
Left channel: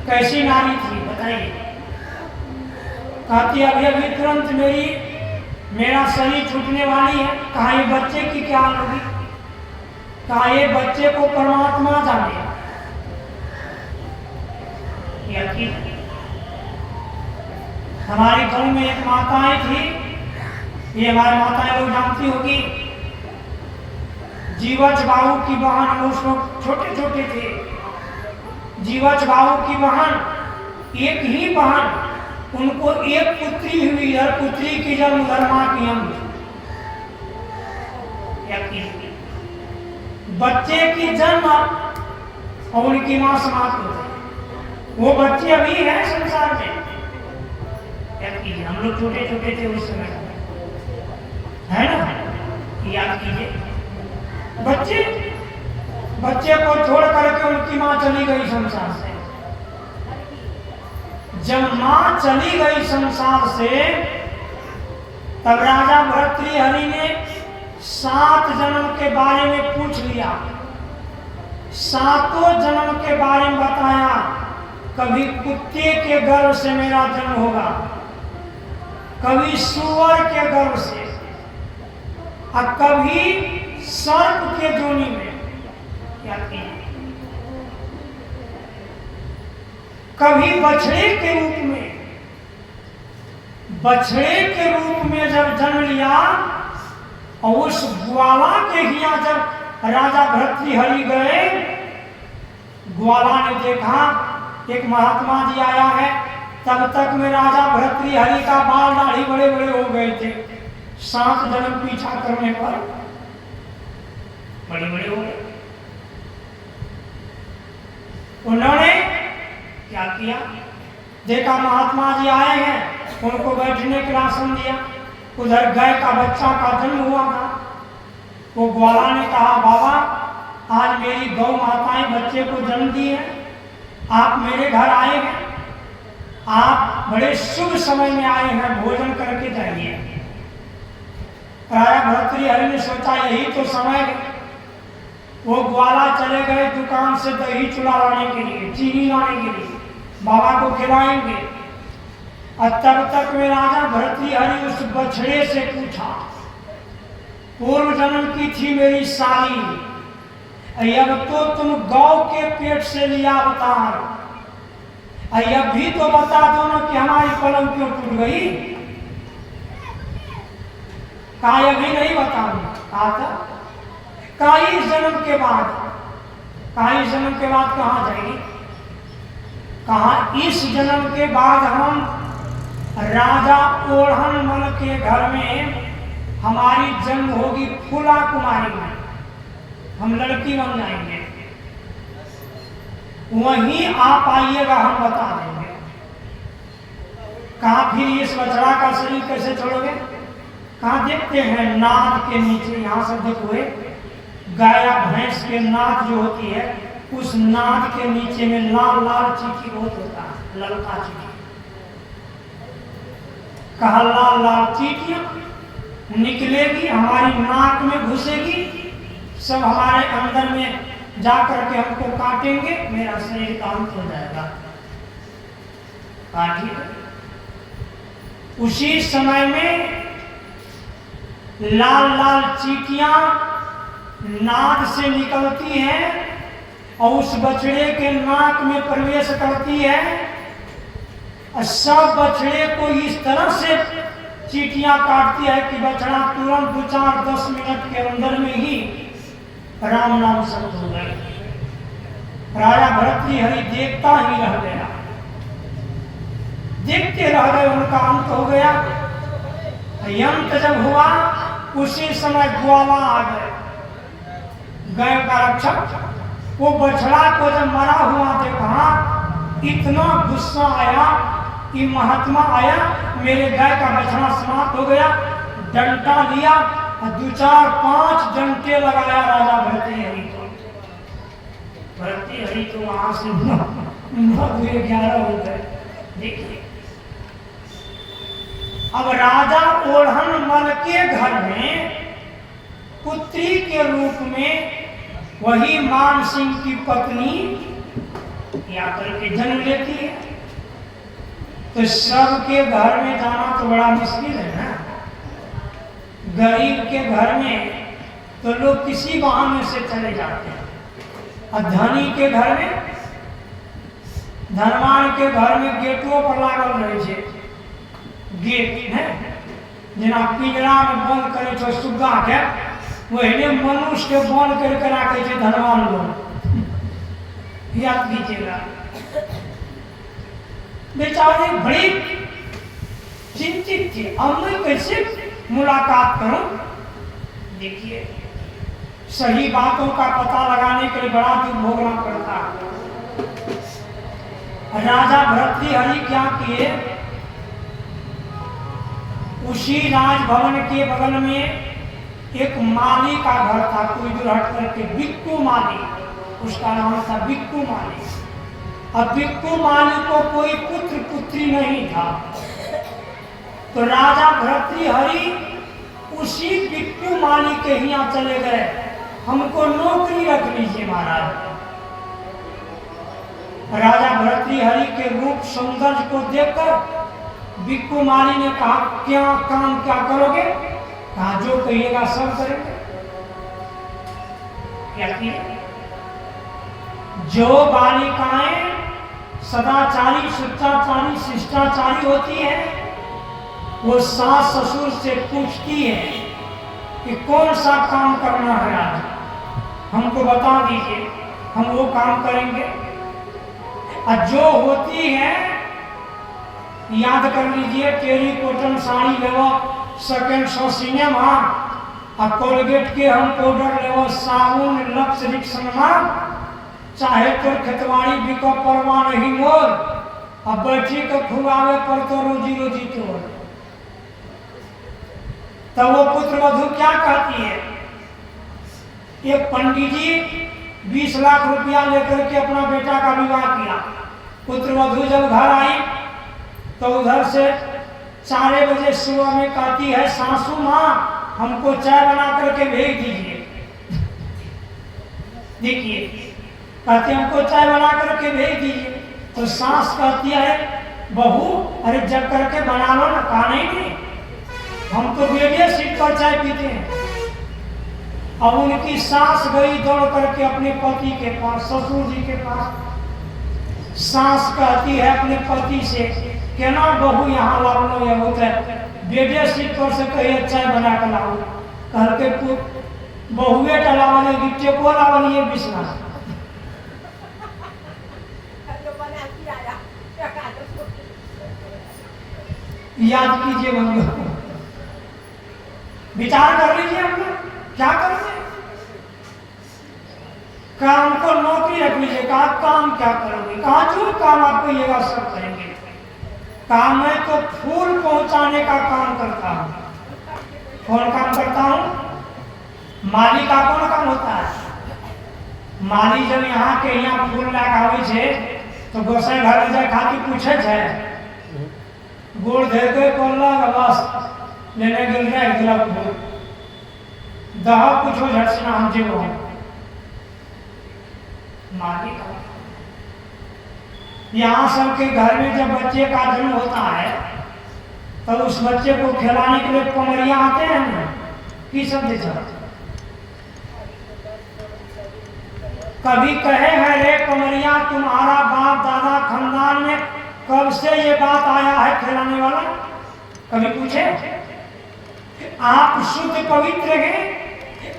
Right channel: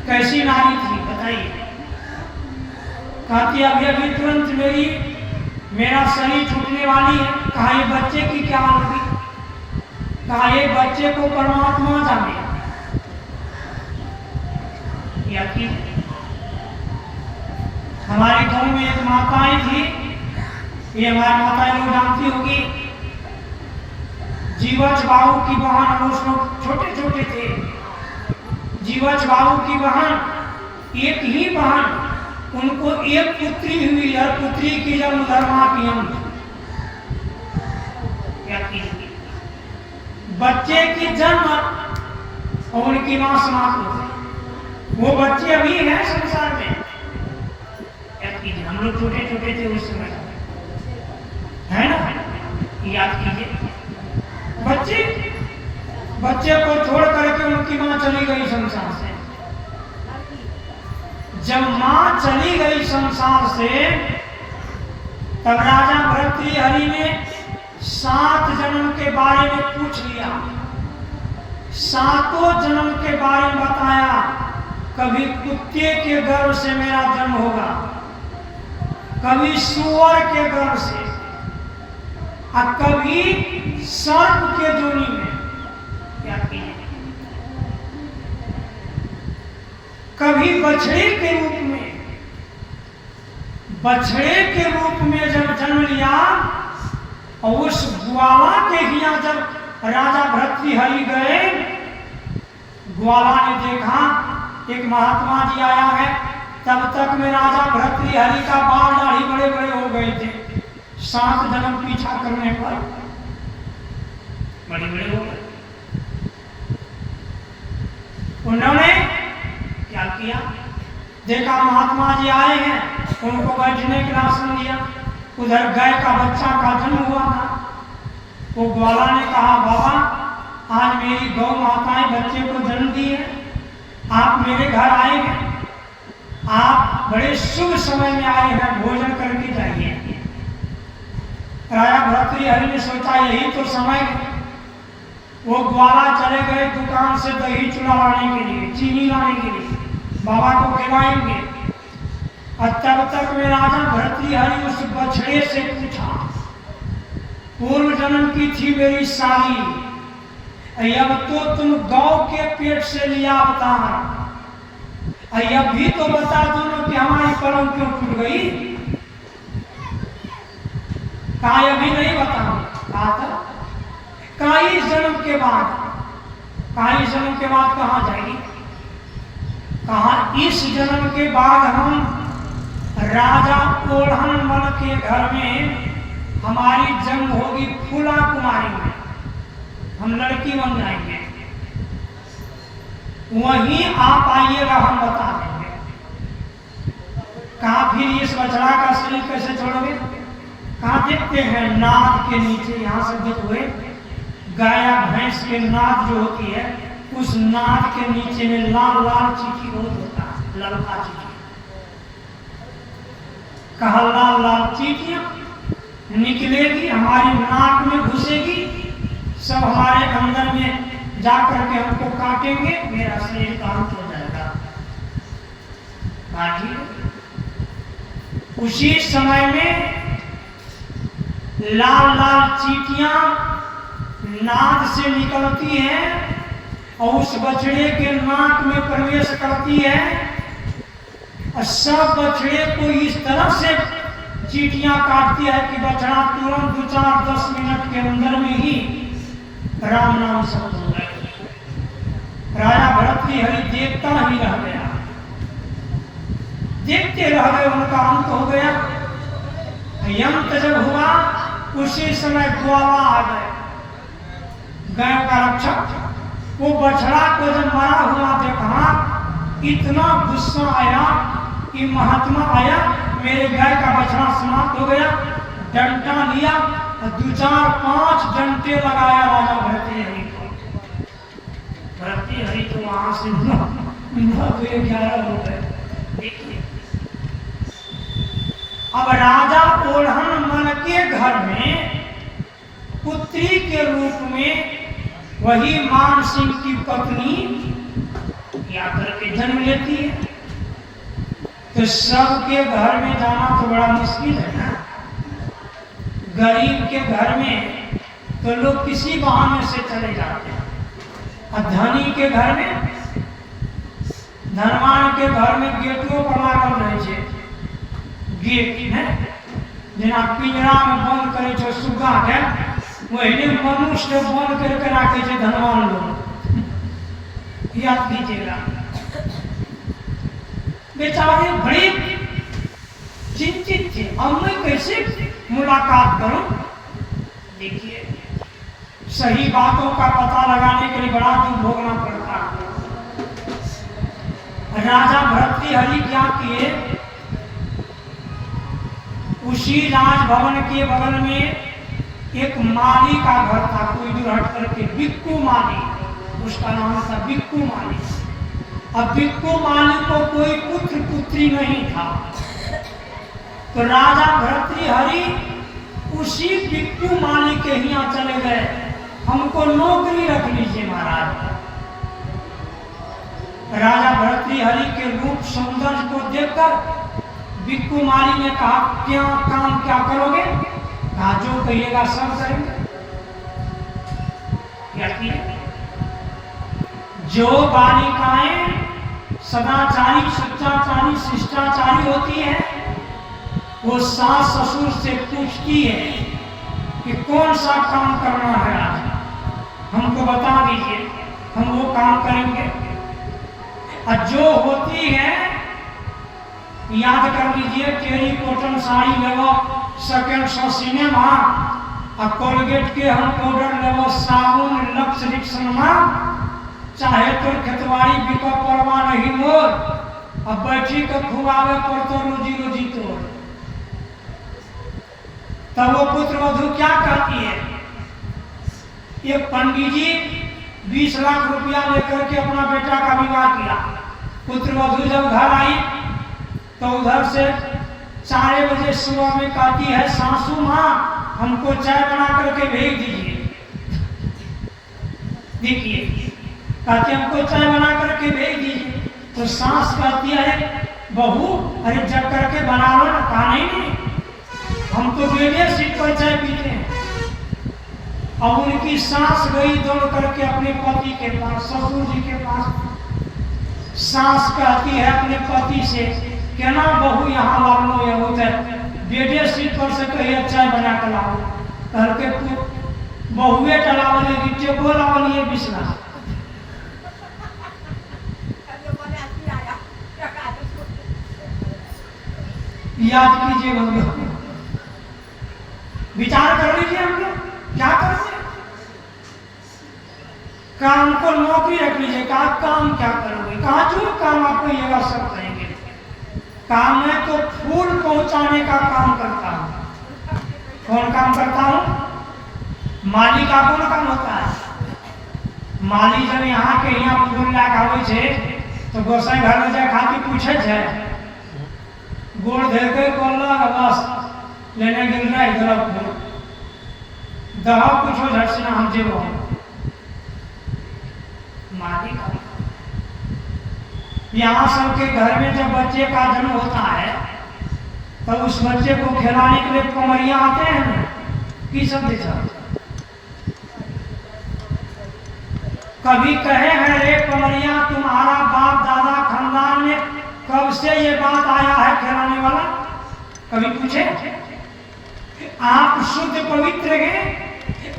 कैसी नारी थी बताइए। कहती अभी अभी तुरंत मेरा शरीर छूटने वाली है। कहा ये बच्चे की क्या होगी। कहा ये बच्चे को परमात्मा जाने। हमारे गांव में एक माताएं थी, ये हमारी माताएं लोग जानती होगी। जीवच बाबू की बहन, हम उस लोग छोटे छोटे थे। जीवच बाबू की बहन, एक ही बहन, उनको एक पुत्री हुई और पुत्री की जन्म धर्मा की हम। बच्चे की जन्म और उनकी मां समाप्त हो गई। वो बच्चे अभी हैं संसार में। हम लोग छोटे छोटे थे उस समय, है ना। याद कीजिए बच्चे को छोड़ करके उनकी मां चली गई संसार से। जब मां चली गई संसार से तब राजा भर्तृहरि ने 7 जन्म के बारे में पूछ लिया। 7 जन्म के बारे में बताया। कभी कुत्ते के गर्भ से मेरा जन्म होगा, कभी सूअर के गर्भ से, और कभी सर्प के जोनी में। याद कीजिए, कभी बछड़े के रूप में। बछड़े के रूप में जब जन्म लिया और उस ग्वाला के हिया जब राजा भर्तृहरि गए, ग्वाला ने देखा एक महात्मा जी आया है। तब तक में राजा भर्तृहरि का बाल दाढ़ी बड़े बड़े हो गए थे। 7 जन्म पीछा करने पर बड़े बड़े हो गए। उन्होंने क्या किया, देखा महात्मा जी आए हैं, उनको बैठने के लिए आसन दिया। उधर गाय का बच्चा का जन्म हुआ था। वो ग्वाला ने कहा बाबा आज मेरी गौ माताएं बच्चे को जन्म दी है, आप मेरे घर आए हैं, आप बड़े शुभ समय में आए हैं, भोजन करके जाइए। राजा भर्तृहरि ने सोचा यही तो समय है। वो ग्वाला चले गए दुकान से दही चूड़ा लाने के लिए, चीनी लाने के लिए, बाबा को खिलाएंगे। और तब तक में राजा भर्तृहरि उस बछड़े से पूछा, पूर्व जन्म की थी मेरी साली, अब तो तुम गौ के पेट से लिया अवतार, अब भी तो बता दो ना कि हमारी कलम क्यों टूट गई। कहा अभी नहीं बताऊंगा। कहा था कई जन्म के बाद। कई जन्म के बाद कहाँ जाएगी। कहा इस जन्म के बाद हम राजा ओढ़न मल के घर में हमारी जन्म होगी फूला कुमारी में, हम लड़की बन जाएंगे, वहीं आप आइएगा, हम बता देंगे। कहा फिर इस बछड़ा का शरीर कैसे छोड़ोगे। कहा देखते हैं नाद के नीचे, यहां से देखोगे गाय भैंस के नाद जो होती है, उस नाद के नीचे में लाल लाल चीटी बहुत होता है, ललका चीटी। कहा लाल लाल चीटियां निकलेगी, हमारी नाक में घुसेगी, सब हमारे अंदर में जाकर के हमको काटेंगे, मेरा शरीर का अंत हो जाएगा। उसी समय में लाल लाल चीटियां नाद से निकलती हैं और उस बछड़े के नाक में प्रवेश करती है, और सब बछड़े को इस तरह से चीटियां काटती है कि बछड़ा तुरंत 2-4-10 मिनट के अंदर में ही राम नाम शब्द हो गए। राजा भर्तृहरि देखता ही रह गया, देखते रह गए, उनका अंत हो गया। अंत जब हुआ उसी समय ग्वाला आ गए। गाय का रक्षक, वो बछड़ा को जब मरा हुआ देखा, इतना गुस्सा आया कि महात्मा आया, मेरे गाय का बछड़ा समाप्त हो गया। डंडा लिया और 2-4-5 डंडे लगाया राजा भर्तृहरि को। भर्तृहरि तो वहां से 9-11 हो गए। देखिए, अब राजा ओढ़न मल के घर में पुत्री के रूप में वही मान सिंह की पत्नी या करके जन्म लेती है, तो सबके घर में जाना तो बड़ा मुश्किल है ना। गरीब के घर में तो लोग किसी बहाने से चले जाते हैं, और धनी के घर में, धनवान के घर में गेटों पर लागल रहे छे गेट है, जेना पिंजरा में बंद करे छो सुग्गा के, वही मनुष्य के बंद करके रखे छे धनवान लोग। याद कीजिएगा, बेचारे बड़े चिंतित थे, अब मैं कैसे मुलाकात करूं। देखिए, सही बातों का पता लगाने के लिए बड़ा दुख भोगना पड़ता है। राजा भर्तृहरि क्या किए, उसी राजभवन के बगल में एक माली का घर था, कोई दूर हट करके, बिक्कू माली, उसका नाम था बिक्कू माली। अब बिक्कू माली को कोई पुत्र पुत्री नहीं था, तो राजा भर्तृहरि उसी बिक्कू माली के यहाँ चले गए, हमको नौकरी रख लीजिए महाराज। राजा भर्तृहरि के रूप सौंदर्य को देखकर बिक्कू माली ने कहा, क्या काम क्या करोगे? कहा, जो कहिएगा सब करेंगे। क्या किए? जो बालिकाएं सदाचारी, सच्चाचारी, शिष्टाचारी होती है, वो सास ससुर से पूछती है कि कौन सा काम करना है आज, हमको बता दीजिए, हम वो काम करेंगे। और जो होती है, याद कर लीजिए, टेरी कॉटन साड़ी लेवो सेकेंड शो सिनेमा, और कोलगेट के हम पाउडर लेवो साबुन लक्स रिक्शनमा, चाहे तो खेतवाड़ी बिको परवा नहीं मोर, अब बैठी के खुआवे पर तो रोजी रोजी तोड़। तब वो पुत्र वधू क्या कहती है, एक पंडित जी 20 लाख रुपया लेकर के अपना बेटा का विवाह किया। पुत्र वधू जब घर आई तो उधर से 4 बजे सुबह में कहती है, सासू माँ हमको चाय बना करके भेज दीजिए। देखिए, कहती हमको चाय बना करके भेज दीजिए, तो सास कहती है, बहू अरे जग करके बना लो ना। कहा नहीं, हम तो रेडियो सीट पर चाय पीते हैं। अब उनकी सास गई दौड़ करके अपने पति के पास, ससुर जी के पास। सास कहती है अपने पति से, केना बहू यहाँ लावनो या होते रेडियो सीट पर से कही चाय बना कर लाओ। कह के बहुए टलावले गिट्टे को लावलिए बिस्ना। याद कीजिए बंधु, विचार कर लीजिए, हम लोग क्या करेंगे। काम को नौकरी रख लीजिए, कहा काम क्या करोगे? कहा जो काम आपको ये बात सब करेंगे। काम मैं तो फूल पहुंचाने का काम करता हूं। कौन काम करता हूं? माली का कौन काम होता है? माली जब यहाँ के यहाँ फूल लाके आवे छे तो गोसाई घर में जाए खातिर पूछे छे, गोड़ धर के कोल्ला बस लेने गिल रहा इधर फूल दहा पूछो झट से ना हम जेबो माली का। यहाँ सबके घर में जब बच्चे का जन्म होता है तो उस बच्चे को खिलाने के लिए कमरिया आते हैं ना, की सब देखा। कभी कहे हैं रे कमरिया तुम्हारा बाप दादा खानदान में कब से ये बात आया है खिलाने वाला? कभी पूछे? आप शुद्ध पवित्र हैं,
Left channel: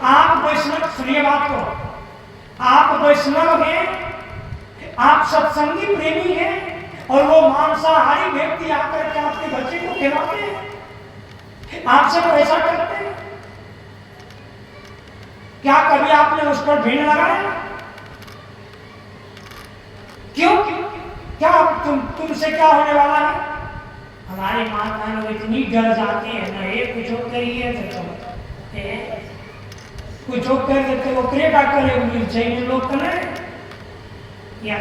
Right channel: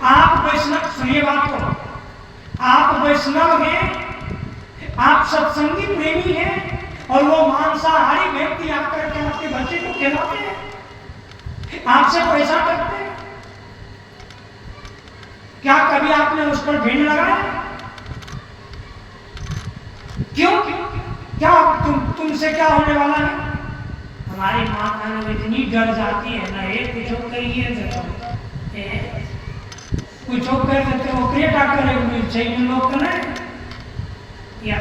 आप वैष्णव, सुनिए बात को, आप वैष्णव हैं, आप सत्संगी प्रेमी हैं, और वो मांसाहारी व्यक्ति आकर के आपके बच्चे को खिलाते हैं, आपसे तो ऐसा करते हैं क्या? कभी भी आपने उस पर भिन्न लगाया? क्यों? क्या तुमसे क्या होने वाला है? हमारी माता लोग इतनी डर जाती है ना, ये कुछ हो गई है तो कुछ हो कर देते वो क्रेटा करे मिल चाहिए लोग का नहीं। या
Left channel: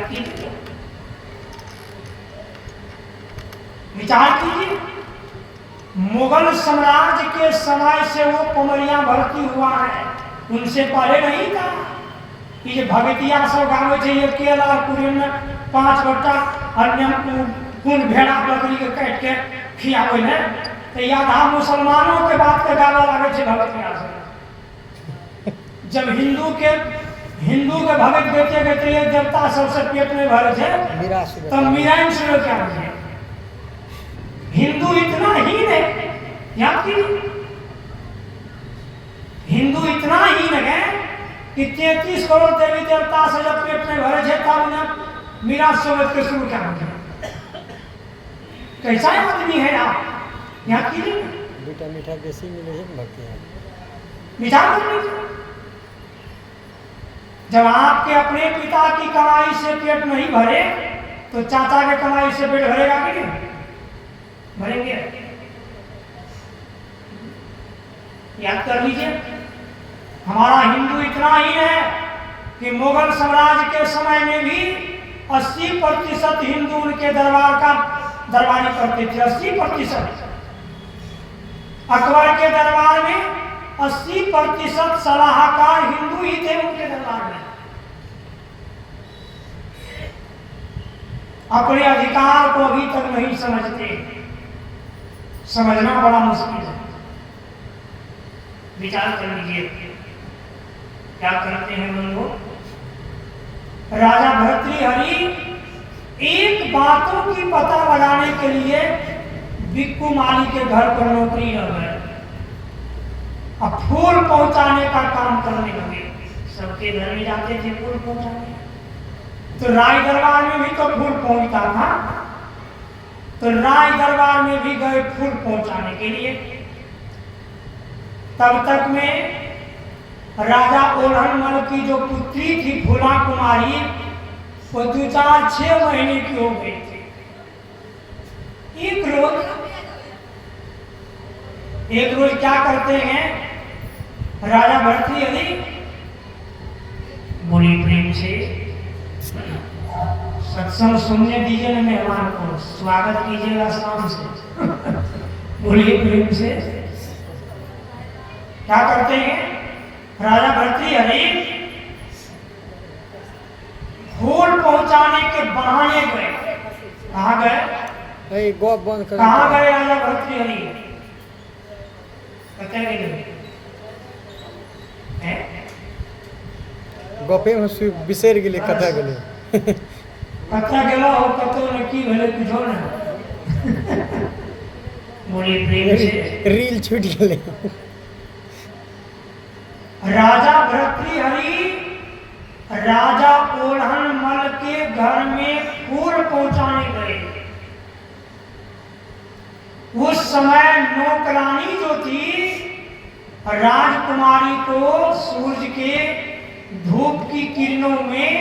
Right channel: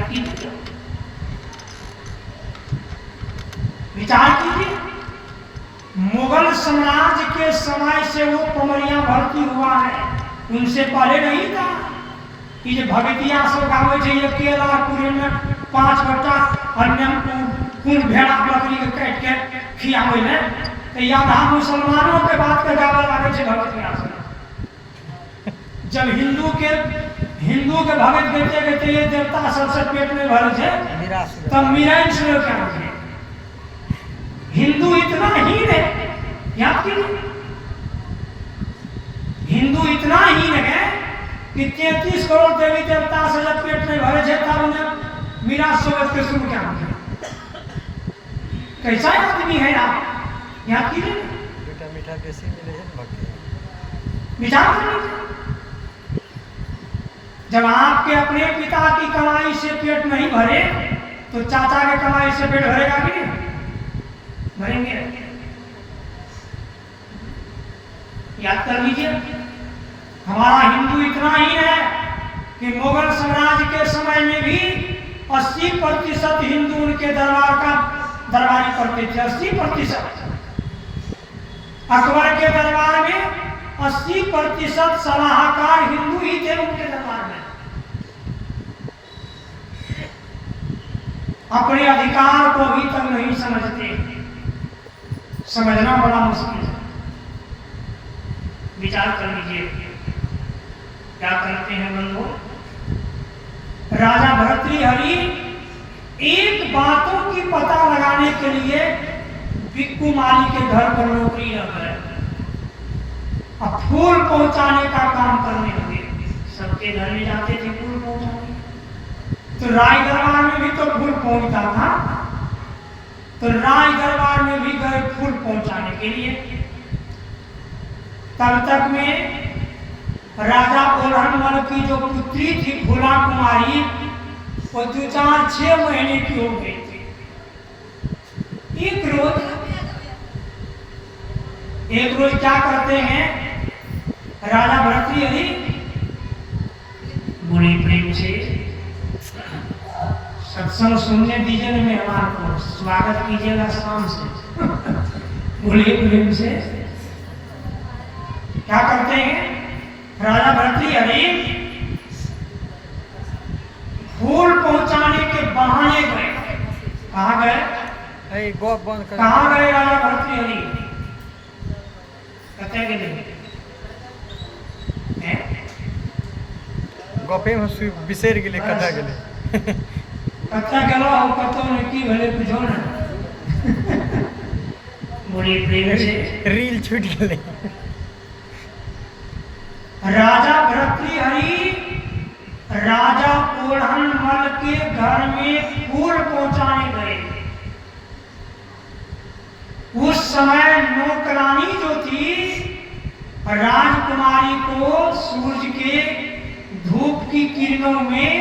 विचार कीजिए, मुगल साम्राज्य के समय से वो पमरिया भर्ती हुआ है, उनसे पहले नहीं था। कि जो भगतिया सो गावे चाहिए केला कुरियन में 5 बट्टा अन्य कुल भेड़ा बकरी के काट के खियावे ने तो याद आ मुसलमानों के बात के गावे लागे छे भगतिया से। जब हिंदू के भगत गते गते ये देवता सबसे पेट में भरे थे तब मीरान से क्या है? हिंदू इतना हीन है, याद कीजिए, हिंदू इतना हीन है कि 33 करोड़ देवी देवता से जब पेट में भरे थे तब उन्हें मीरा सोबत के शुरू क्या किया? कैसा आदमी है आप? याद कीजिए, बेटा मीठा देसी मिले है विचार करिए। जब आपके अपने पिता की कमाई से पेट नहीं भरे तो चाचा के कमाई से पेट भरेगा कि नहीं? भरेंगे। याद कर लीजिए, हमारा हिंदू इतना ही है कि मुगल साम्राज्य के समय में भी 80% हिंदू उनके दरबारी करते थे। 80%। अकबर के दरबार में 80% सलाहकार हिंदू ही थे उनके दरबार में। अपने अधिकार को अभी तक नहीं समझते, समझना बड़ा मुश्किल है। विचार कर लीजिए, क्या करते हैं वो लोग? राजा भर्तृहरि एक बातों की पता लगाने के लिए बिक्कू माली के घर पर नौकरी लग गए। अब फूल पहुंचाने का काम करने लगे। सबके घर में जाते थे फूल पहुंचाने, तो राय दरबार में भी तो फूल पहुंचता था, तो राय दरबार में भी गए फूल पहुंचाने के लिए। तब तक में राजा ओढ़नमल की जो पुत्री थी फूला कुमारी, वो 2-4-6 महीने की हो गई थी। एक रोज क्या करते हैं राजा भर्तृहरि? बड़ी प्रेम से सत्संग सुनने दीजिए ना, मेहमान को स्वागत कीजिएगा शाम से। बड़ी प्रेम से क्या करते हैं राजा भर्तृहरि? फूल पहुंचाने के बहाने गए। कहाँ गए? कहाँ गए राजा भर्तृहरि? कते गेले? गपे बिसर गेले, कथा गेले। कथा गेलो और कतो ने की भले बुझो ना। बड़ी प्रेम से रील छूट गेले। राजा भर्तृहरि राजा ओढ़नमल के घर में फूल पहुंचाने गए। उस समय नौकरानी जो थी राजकुमारी को सूरज के धूप की किरणों में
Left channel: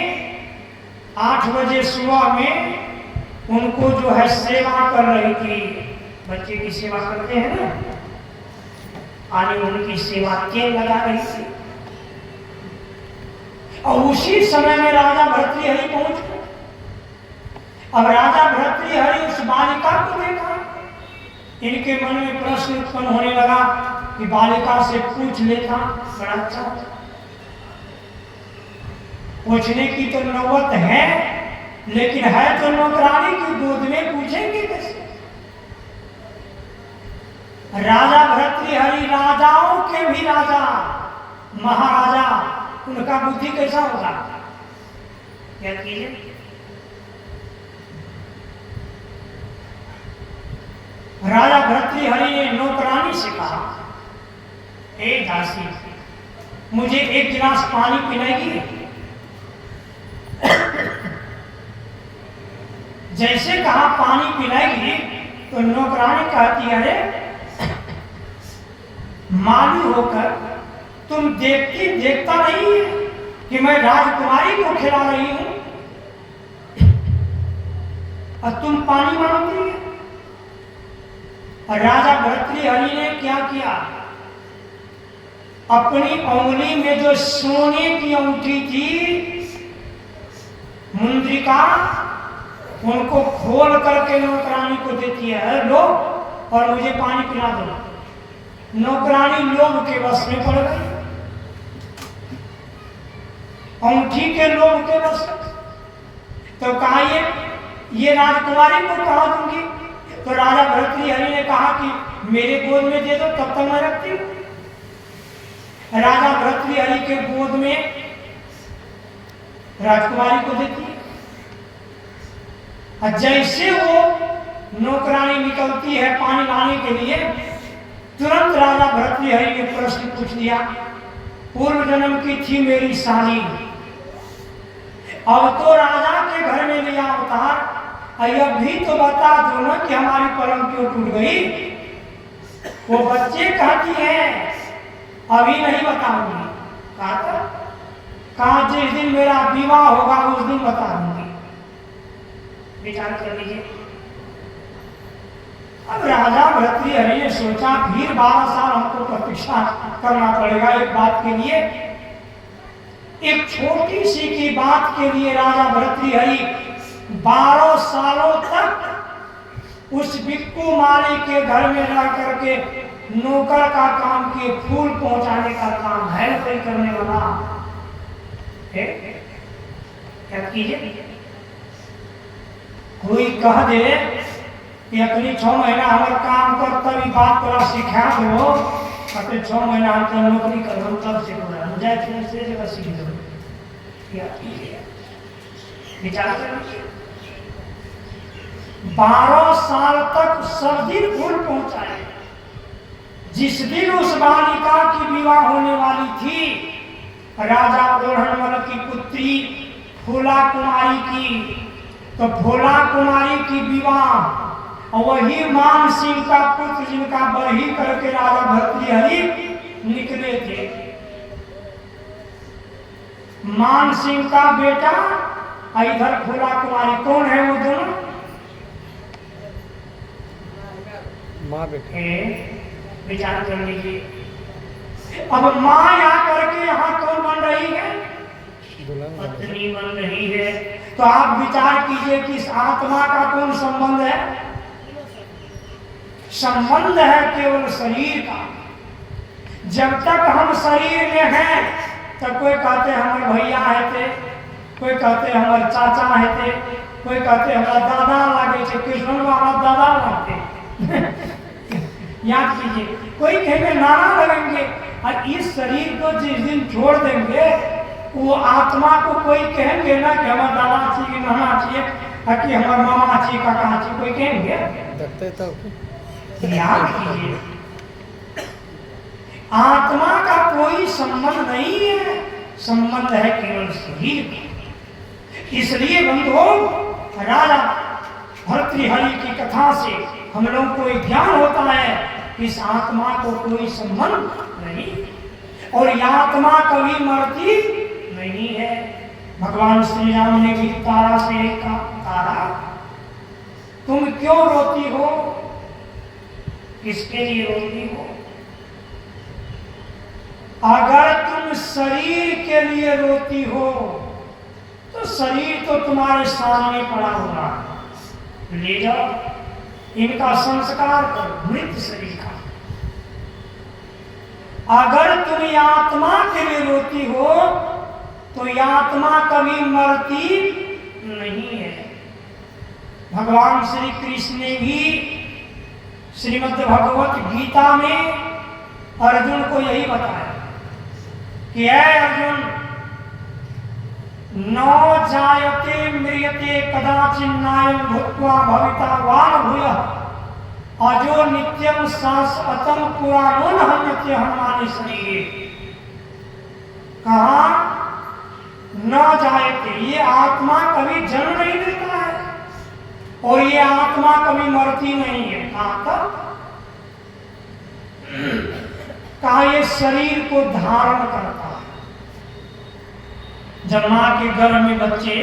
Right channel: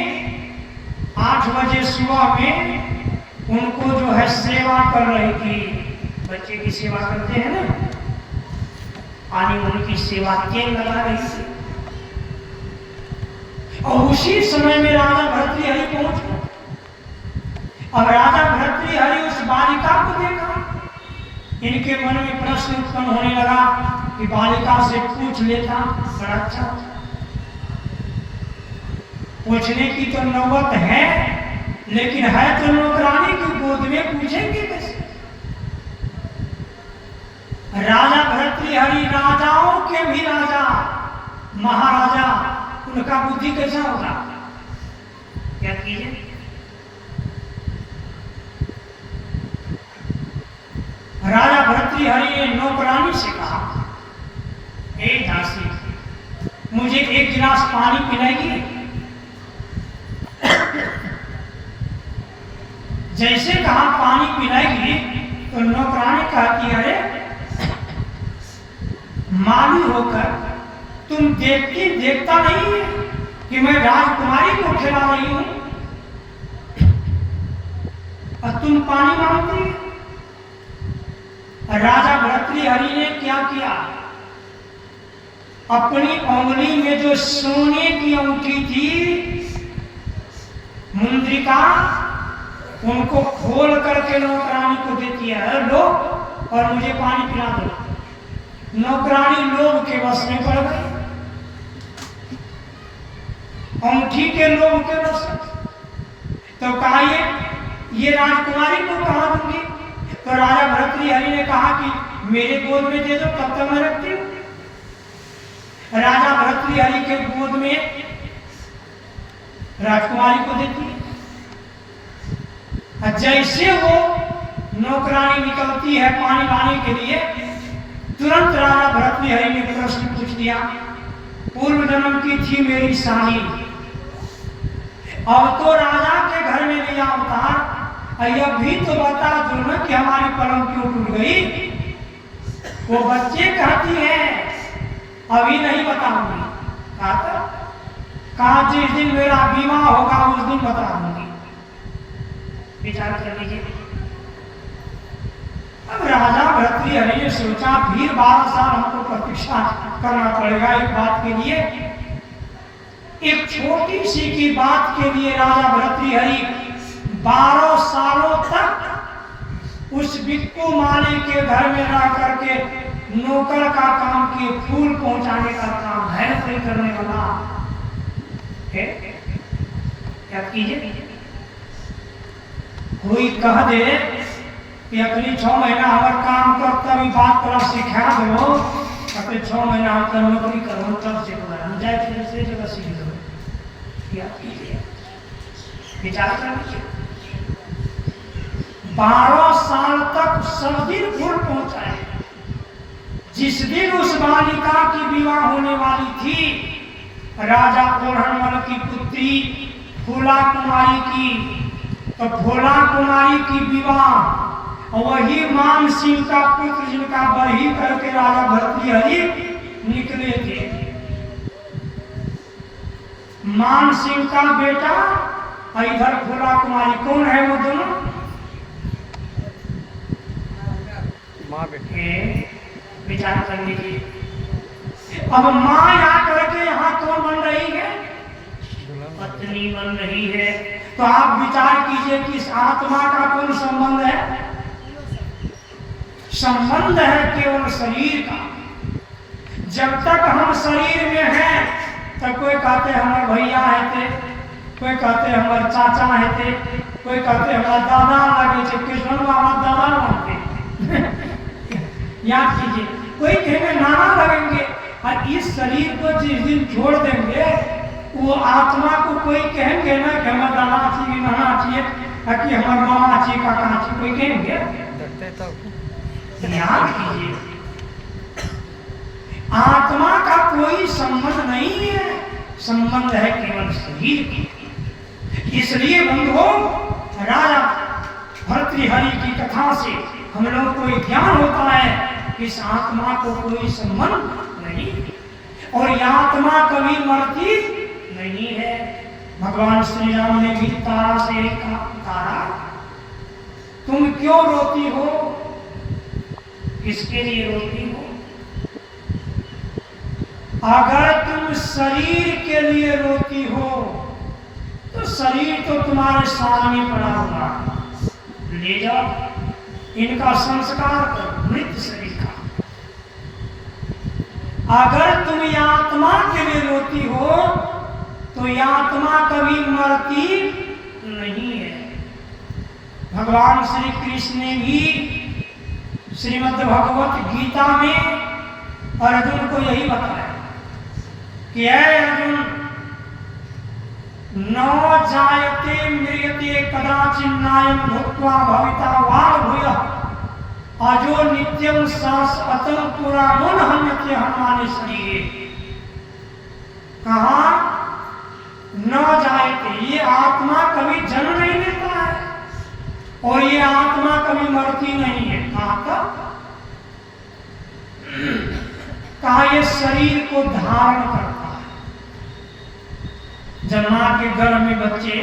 8 बजे सुबह में उनको जो है सेवा कर रही थी। बच्चे की सेवा करते हैं ना, आने उनकी सेवा तेल लगा रही थी। और उसी समय में राजा भर्तृहरि पहुंच गए। अब राजा भर्तृहरि उस बालिका को देखा, इनके मन में प्रश्न उत्पन्न होने लगा कि बालिका से पूछ लेता बड़ा अच्छा। पूछने की तो नौबत है, लेकिन है तो नौकरानी की गोद में, पूछेंगे कैसे? राजा भर्तृहरि राजाओं के भी राजा, महाराजा, उनका बुद्धि कैसा होगा? क्या कीजिए? राजा भर्तृहरि ने नौकरानी से कहा, हे दासी, मुझे 1 गिलास पानी पिलाएगी? जैसे कहा पानी पिलाएगी तो नौकरानी कहती, अरे मालूम होकर तुम तुम देखता नहीं है कि मैं राजकुमारी को खिला रही हूं और तुम पानी मांगती है। राजा भर्तृहरि ने क्या किया, अपनी उंगली में जो सोने की अंगूठी थी मुंद्रिका, उनको खोल करके नौकरानी को देती है, लो और मुझे पानी पिला दो। नौकरानी लोभ के वश में पड़ गई, अंगूठी के लोभ के वश। तो कहा ये राजकुमारी को कहा दूंगी। तो राजा भर्तृहरि ने कहा कि मेरे गोद में दे दो, तब तक मैं रखती हूँ। राजा भर्तृहरि के गोद में राजकुमारी को देती है। जैसे वो नौकरानी निकलती है पानी लाने के लिए, तुरंत राजा भर्तृहरि ने प्रश्न पूछ दिया, पूर्व जन्म की थी मेरी साली, अब तो राजा के घर में लिया अवतार, अब भी तो बता दो ना कि हमारी पलंग क्यों टूट गई। वो बच्चे कहती है अभी नहीं बताऊंगी। कहा जिस दिन मेरा विवाह होगा उस दिन बता दूंगी। विचार कर लीजिए। अब राजा भर्तृहरि ने सोचा फिर 12 साल हमको प्रतीक्षा करना पड़ेगा एक बात के लिए। एक छोटी सी की बात के लिए राजा भर्तृहरि 12 सालों तक उस बिक्कू माली के घर में रह करके नौकर का काम किए, फूल पहुंचाने का काम है कोई करने वाला है। क्या कीजिए, कोई कह दे कि अपनी 6 महीना हमारे काम कर तभी बात कर सिखा दो, अपने 6 महीना हम नौकरी करो तब से जाए से जगह सीख दो। विचार कर लीजिए, 12 साल तक सब दिन फूल पहुंचाए। जिस दिन उस बालिका की विवाह होने वाली थी, राजा ओढ़नमल की पुत्री फूला कुमारी की, तो फूला कुमारी की विवाह वही मान सिंह का पुत्र जिनका बरही करके राजा भर्तृहरि निकले थे। मान सिंह का बेटा, इधर फूला कुमारी। कौन है वो दोनों? माँ बेटे। विचार कर लीजिए। अब माँ यहाँ करके यहाँ कौन बन रही है? पत्नी बन रही है। तो आप विचार कीजिए कि इस आत्मा का कौन संबंध है? संबंध है केवल शरीर का। जब तक हम शरीर में हैं तब कोई कहते हमारे भैया है थे, कोई कहते हमारे चाचा है थे, कोई कहते हमारा दादा लागे थे, कृष्ण बाबा दादा लगते याद कीजिए, कोई कहेंगे नाना लगेंगे। और इस शरीर को जिस दिन छोड़ देंगे, वो आत्मा को कोई कहेंगे ना कि हमारा दादा चाहिए, नाना चाहिए, कि हमारा मामा चाहिए, काका चाहिए, कोई कहेंगे? देखते तो याद कीजिए, आत्मा का कोई संबंध नहीं है, संबंध है केवल शरीर की। इसलिए बंधुओं, राजा भर्तृहरि की कथा से हम लोग को ज्ञान होता है कि इस आत्मा को कोई संबंध नहीं, और यह आत्मा कभी मरती नहीं है। भगवान श्री राम ने भी तारा से कहा, तारा तुम क्यों रोती हो? किसके लिए रोती हो? अगर तुम शरीर के लिए रोती हो तो शरीर तो तुम्हारे सामने पड़ा होगा, ले जाओ, इनका संस्कार करो, मृत शरीर का। अगर तुम ये आत्मा के लिए रोती हो तो ये आत्मा कभी मरती नहीं है। भगवान श्री कृष्ण ने भी श्रीमद् भगवत गीता में अर्जुन को यही बताया कि ऐ अर्जुन, न जायते म्रियते कदाचिन्नायं भूत्वा भविता वा भूयः अजो नित्यं शाश्वतं पुराणो न हन्यते हनुमाने शरीरे। कहा न जायते, ये आत्मा कभी जन्म नहीं लेता है और ये आत्मा कभी मरती नहीं है। कहा तक कहा ये शरीर को धारण करता है। जब माँ के गर्भ में बच्चे